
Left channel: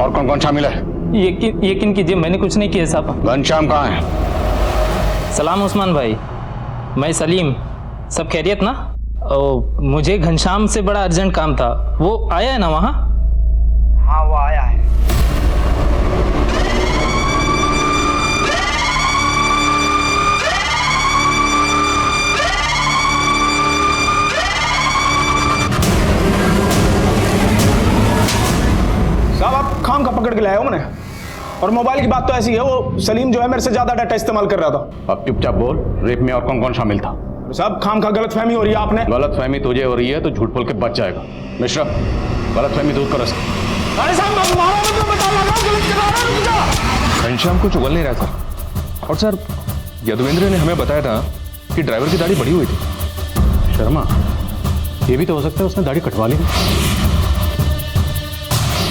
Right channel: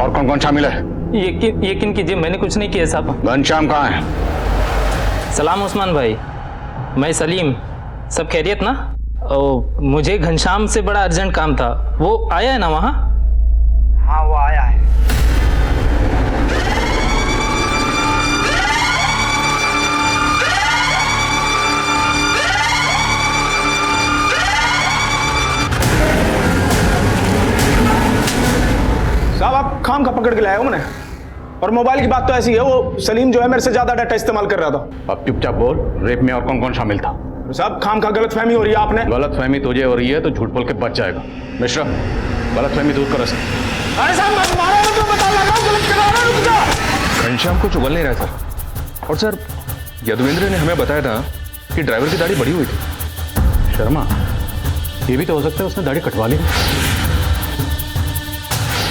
और कौन कौन शामिल है? यकीन कीजिए, मैंने कुछ नहीं किया साहब। घनश्याम कहाँ है? सलाम उस्मान भाई, मैं सलीम। सब खैरियत ना? मुझे घनश्याम से बड़ा अर्जेंट काम था, वो आया है ना वहाँ? हाँ, वो आया है। साहब, आप खाम का पकड़ के लाए हो मैंने, और मोबाइल की बात तो ऐसी है, वो सलीम जो है मेरे से ज्यादा डाटा इस्तेमाल कर रहा था। अब चुपचाप बोल, रेप में और कौन कौन शामिल था? साहब, खाम का गलत फहमी हो रही है आपने। गलत फहमी तुझे हो रही है तो झूठ बोल के बच जाएगा। मिश्रा, गलत फहमी दूर करो। अरे साहब, मारो मत, मैं बता लगा हूं, गलत करा रहा हूं, रुक जा। घनश्याम को चुगल नहीं रहा सर। और सर, यदुवेंद्र ने हमें बताया था कि ड्राइवर की दाढ़ी बड़ी हुई थी। शर्मा, ये भी तो हो सकता है उसने दाढ़ी कटवा ली।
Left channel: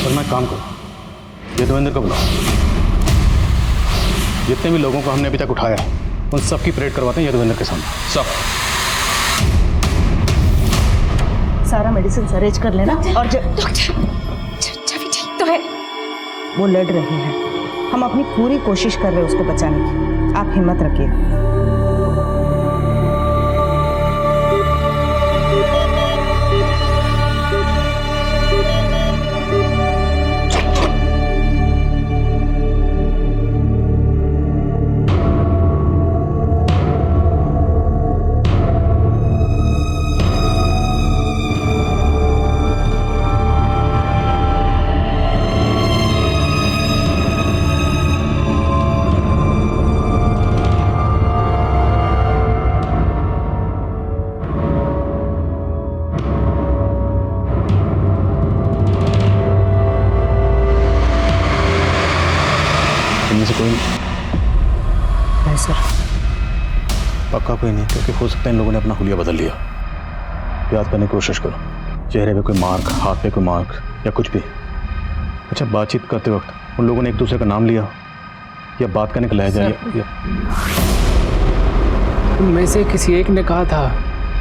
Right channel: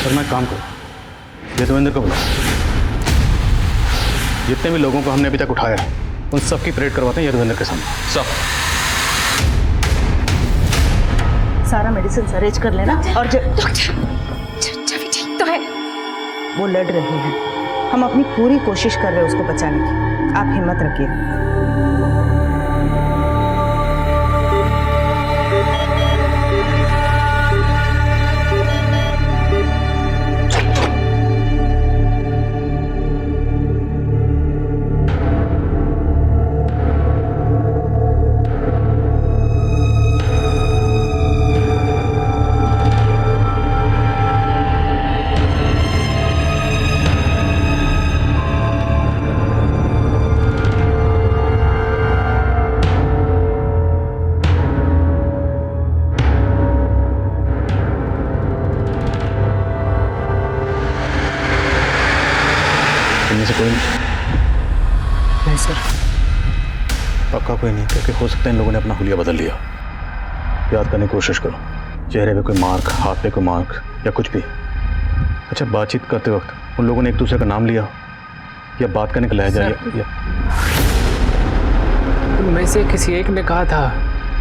पर मैं काम करूं, यदुवेंद्र को बुलाओ। जितने भी लोगों को हमने अभी तक उठाया है उन सबकी परेड करवाते हैं यदुवेंद्र के सामने। सब सारा मेडिसिन अरेंज कर लेना। और छवि ठीक तो है? वो लड़ रही है, हम अपनी पूरी कोशिश कर रहे हैं उसको बचाने की। आप हिम्मत रखिए। कोई नहीं सर। पक्का कोई नहीं, क्योंकि हो सकता है इन लोगों ने अपना हुलिया बदल लिया। याद करने की कोशिश करो, चेहरे पे कोई मार्क, हाथ पे कोई मार्क या कुछ भी। अच्छा, बातचीत करते वक्त उन लोगों ने एक दूसरे का नाम लिया या बात करने का लहजा या उनमें से किसी एक ने कहा था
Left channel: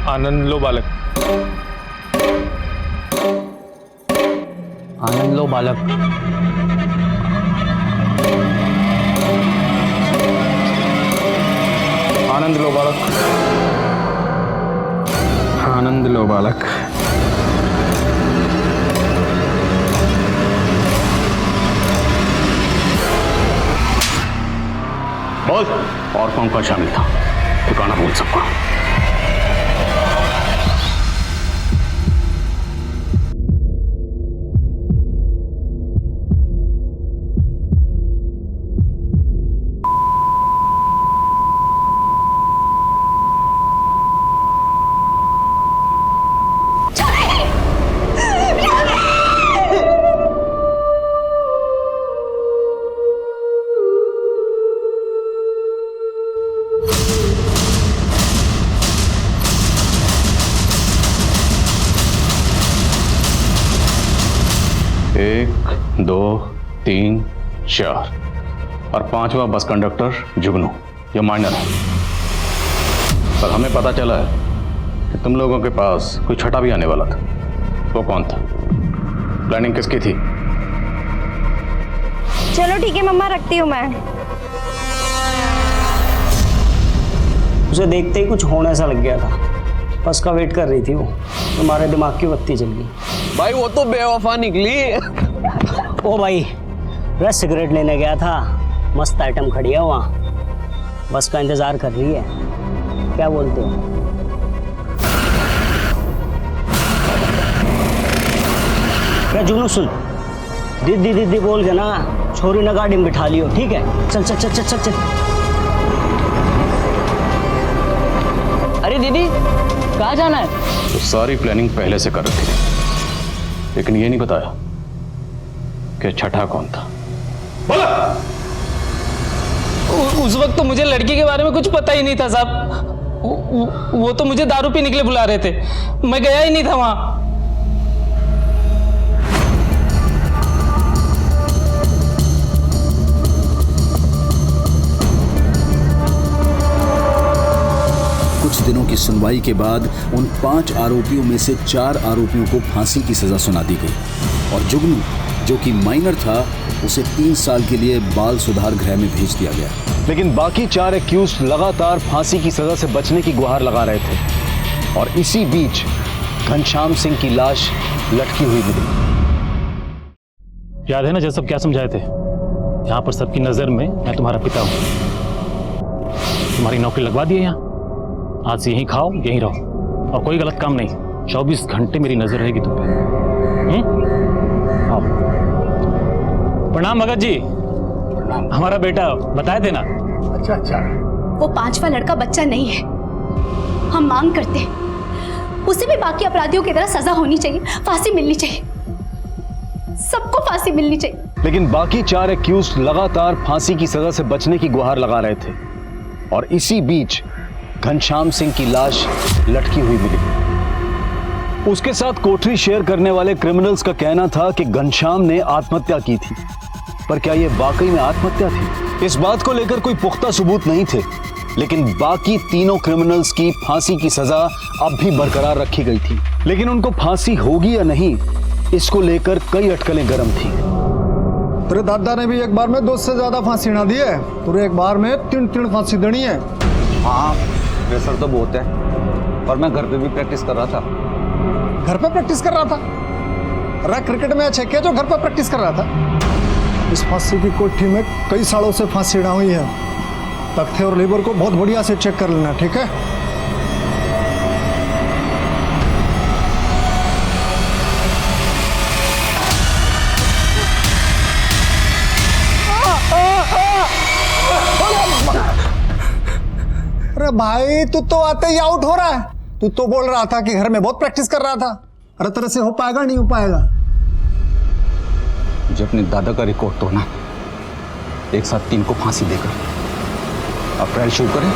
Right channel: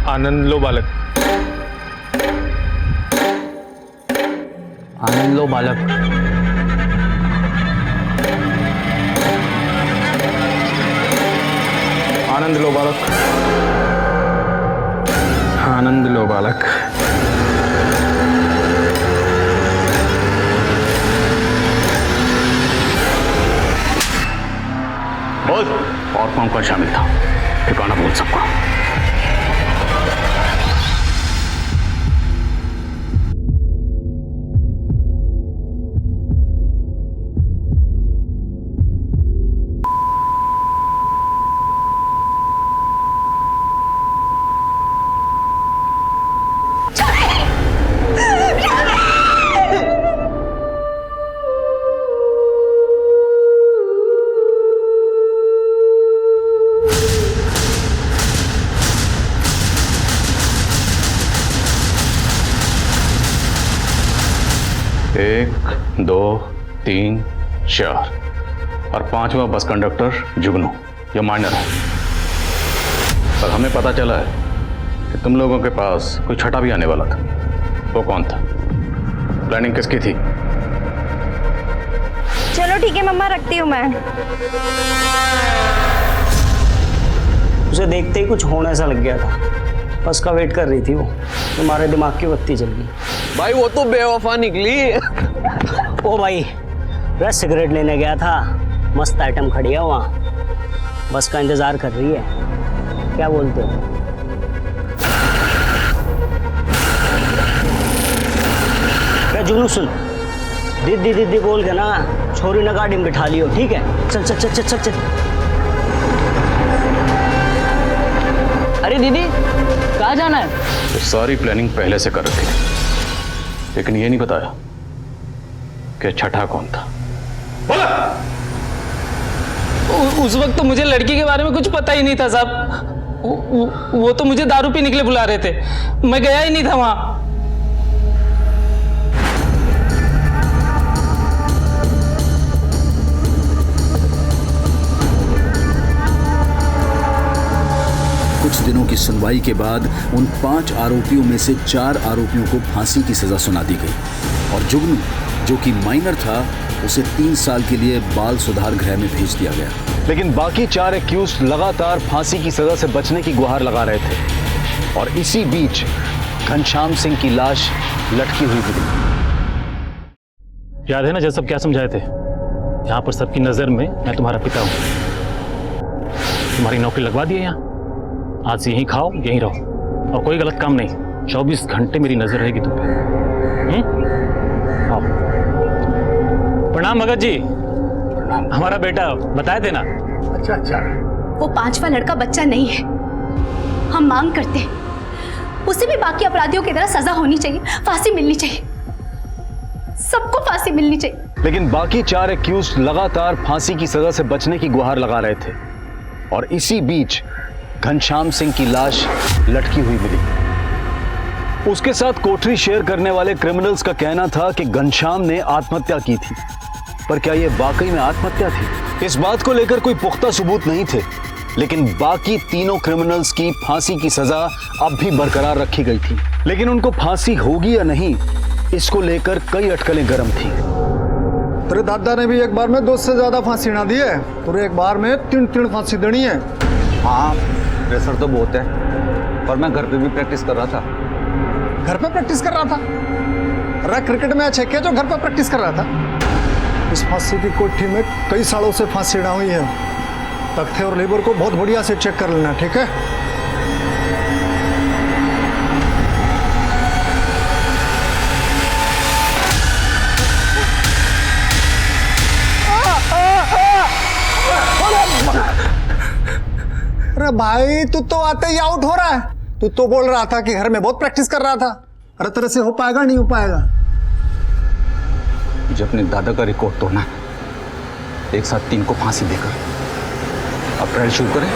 आनंद लो बालक। आनंद लो बालक। आनंद लो बालक। आनंद लो बालक। बोल, और कौन कौन शामिल था? ठिकाना बोल सबका। एक, दो, तीन, चार और पांचवा बस कंडक्टर जुगनू, ये माइनर है। पर हमें पता चला है कि तुम लोगों के पास कोई छठा भी आने वाला था। वो कौन था? प्लानिंग किसकी थी? चलो ठीक है मम्मा, रखती हूँ मैं। उसे देखते ही कुछ होने सा लग गया था, बस का वेट कर रही थी वो, तुम्हारे दिमाग की बत्ती जल गई। भाई वो तो बेवफा निकली। ओ भाई, वह सिगरेट लेने गया था, मस्त आइटम खड़ी है वहाँ, बस का इंतजार कर रही है। क्या बोलते हो? मैं जुनू सुन, दीदी दीदी बोल के ना छोरी ने गाड़ी में बिठा लियो, ठीक है? चल चल चल चल चल चल। अरे दीदी, कहाँ जाना है? तो सारी प्लानिंग पहले से कर रखी थी, लेकिन ये नहीं बताया कि छठा कौन था। उस वक्त तो मुझे लड़की के बारे में कुछ पता ही नहीं था साहब। वो तो मुझे दारू पीने के लिए बुला रहे थे, मैं गया ही नहीं था वहां। कुछ दिनों की सुनवाई के बाद उन 5 आरोपियों में से 4 आरोपियों को फांसी की सजा सुना दी गई और जुगनू, जो कि माइनर था, उसे 3 साल के लिए बाल सुधार गृह में भेज दिया गया। लेकिन बाकी 4 एक्यूज लगातार फांसी की सजा से बचने की गुहार लगा रहे थे और इसी बीच घनश्याम सिंह की लाश लटकी हुई मिली। याद है ना जब सब क्या समझाए थे? यहाँ पर सबकी नजर में मैं तुम्हारा पिता हूँ। तुम्हारी नौकरी लगवा दी है यहाँ, आज से यहीं खाओ यहीं रहो और कोई गलत काम नहीं। 24 घंटे मेरी नजर रहेगी तुम पे। आओ। प्रणाम भगत जी। हमारा बेटा बताए थे ना। अच्छा अच्छा। वो 5वां लड़का बच्चा नहीं है। हम मांग करते हैं उसे भी बाकी अपराधियों की तरह सजा होनी चाहिए, फांसी मिलनी चाहिए, सबको फांसी मिलनी चाहिए। लेकिन बाकी 4 एक्यूज लगातार फांसी की सजा से बचने की गुहार लगा रहे थे और इसी बीच घनश्याम सिंह की लाश लटकी हुई मिली। उसके साथ कोठरी शेयर करने वाले क्रिमिनल्स का कहना था कि घनश्याम ने आत्महत्या की थी, पर क्या यह वाकई में आत्महत्या थी? इस बात को लेकर कोई पुख्ता सबूत नहीं थे, लेकिन बाकी तीनों क्रिमिनल्स की फांसी की सजा अब भी बरकरार रखी गई थी। लेकिन उनको फांसी होगी या नहीं, इसको लेकर कई अटकलें गर्म थी। तेरे दादा ने भी एक बार में 2 से ज्यादा फांसी ना दी है, तुझे एक बार में 3 फांसी देनी है। हाँ, प्रेशर तो बहुत है, पर मैं घर पे भी प्रैक्टिस कर रहा था। घर पे प्रैक्टिस कर रहा था? अरे क्रिकेट मैच है क्या जो घर पे प्रैक्टिस कर रहा था? इस फांसी की कोठी में कई सालों से फांसी ना हुई है। तख्ते और लेबर को बहुत बढ़िया से चेक कर लेना, ठीक है? अरे भाई, तू तो आते ही आउट हो रहा है। तू तो बोल रहा था कि घर में बहुत प्रैक्टिस कर रहा था। अरे तेरे से हो पाएगा? नहीं हो पाएगा। मुझे अपने दादा का रिकॉर्ड तोड़ना है। एक साथ 3 को फांसी देकर। अब ट्रायल शुरू करें।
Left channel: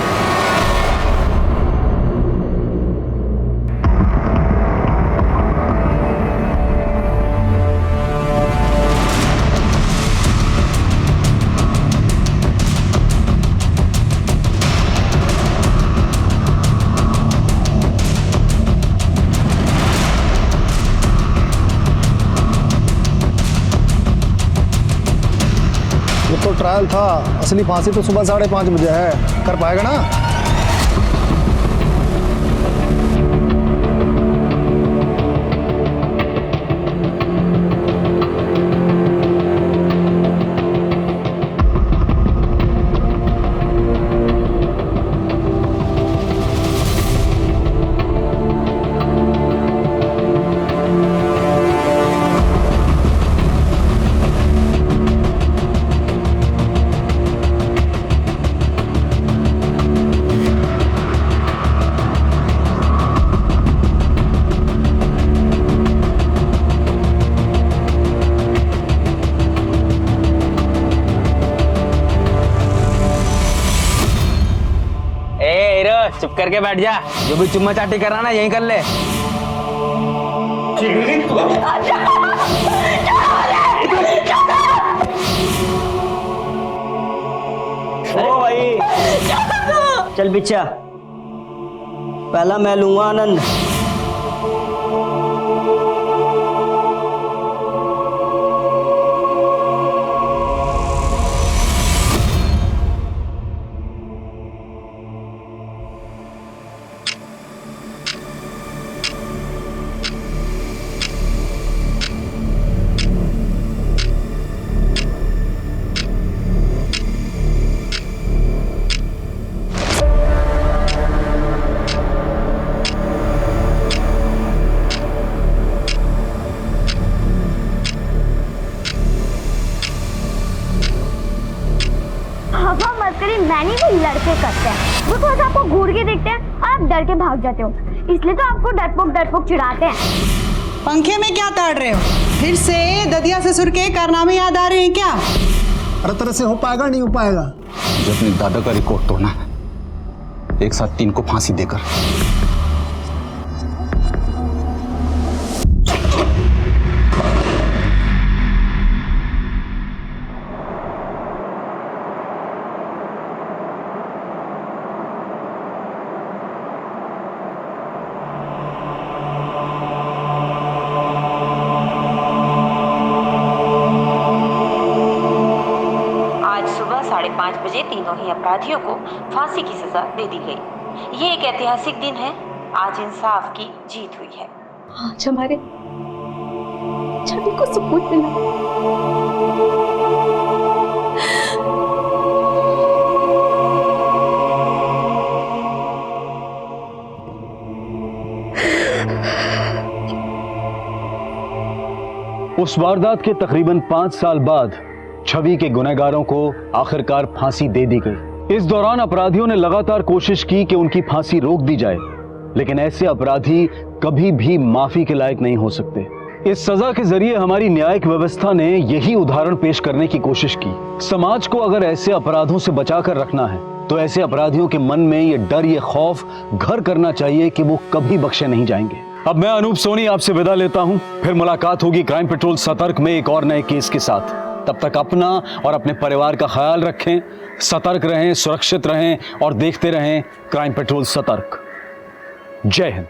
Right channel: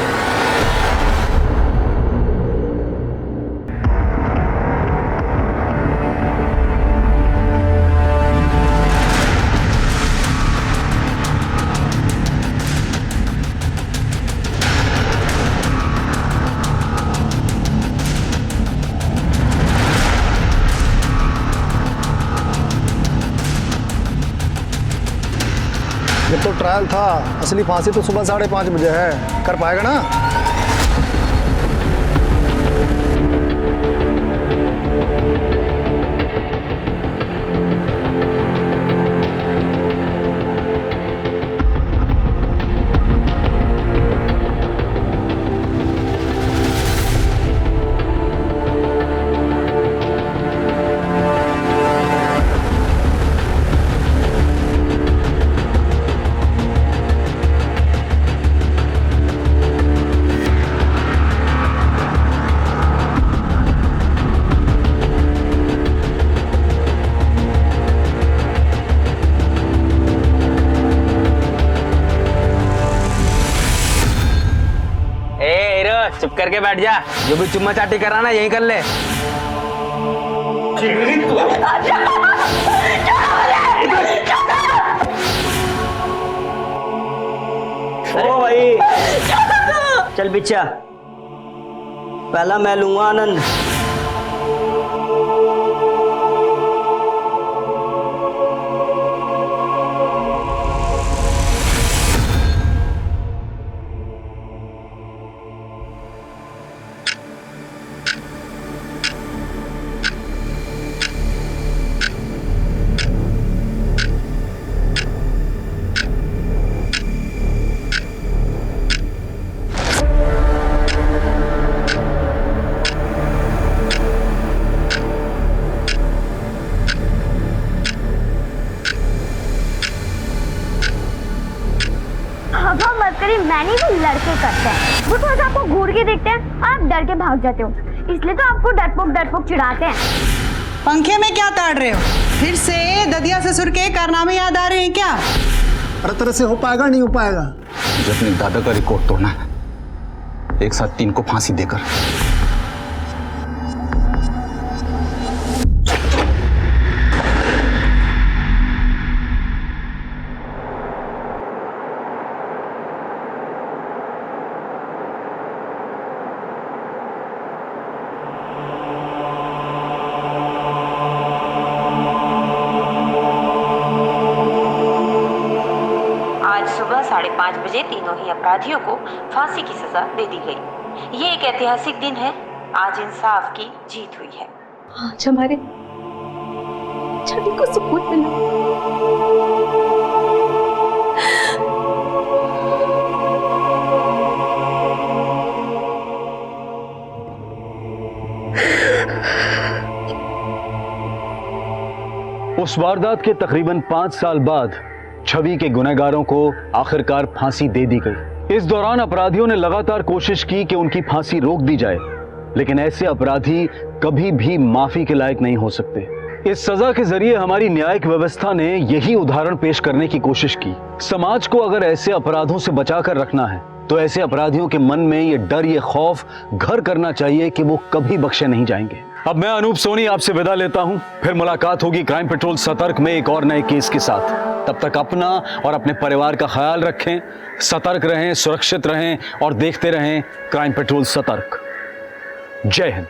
ये तो ट्रायल था, असली फांसी तो सुबह 5:30 बजे है। कर पाएगा ना? चुप करके बैठ जा, जो भी चुम्मा चाटी कर रहा ना यहीं कर ले। ओ भाई चल बिच्छा, पहला मैं लूंगा आनंद। हवा मत करिए, मैंने भी लड़के करते हैं। वो थोड़ा सा आपको घूर के देखते हैं और आप डर के भाग जाते हो, इसलिए तो आपको डरपोक चिढ़ाते हैं। पंखे में क्या ताड़ रहे हो? फिर से ददिया ससुर के कारनामे याद आ रहे हैं क्या? अरे तरह से हो पाएगा? नहीं हो पाएगा। मुझे अपने दादा का रिकॉर्ड तोड़ना है, एक साथ 3 को फांसी देकर। आज सुबह 5:30 बजे तीनों ही अपराधियों को फांसी की सजा दे दी गई। ये एक ऐतिहासिक दिन है, आज इंसाफ की जीत हुई है। आज हमारे छवि को सुकून मिला। उस वारदात के तकरीबन 5 साल बाद छवि के गुनहगारों को आखिरकार फांसी दे दी गई। इस दौरान अपराधियों ने लगातार कोशिश की कि उनकी फांसी रोक दी जाए, लेकिन ऐसे अपराधी कभी भी माफी के लायक नहीं हो सकते। इस सजा के जरिए हमारी न्यायिक व्यवस्था ने यही उदाहरण पेश करने की कोशिश की। समाज को अगर ऐसे अपराधों से बचाकर रखना है तो ऐसे अपराधियों के मन में ये डर, ये खौफ घर करना चाहिए कि वो कभी बख्शे नहीं जाएंगे। अब मैं अनूप सोनी आपसे विदा लेता हूं, फिर मुलाकात होगी क्राइम पेट्रोल सतर्क में एक और नए केस के साथ। तब तक अपना और अपने परिवार का ख्याल रखें, सतर्क रहें, सुरक्षित रहें और देखते रहें क्राइम पेट्रोल सतर्क। जय हिंद।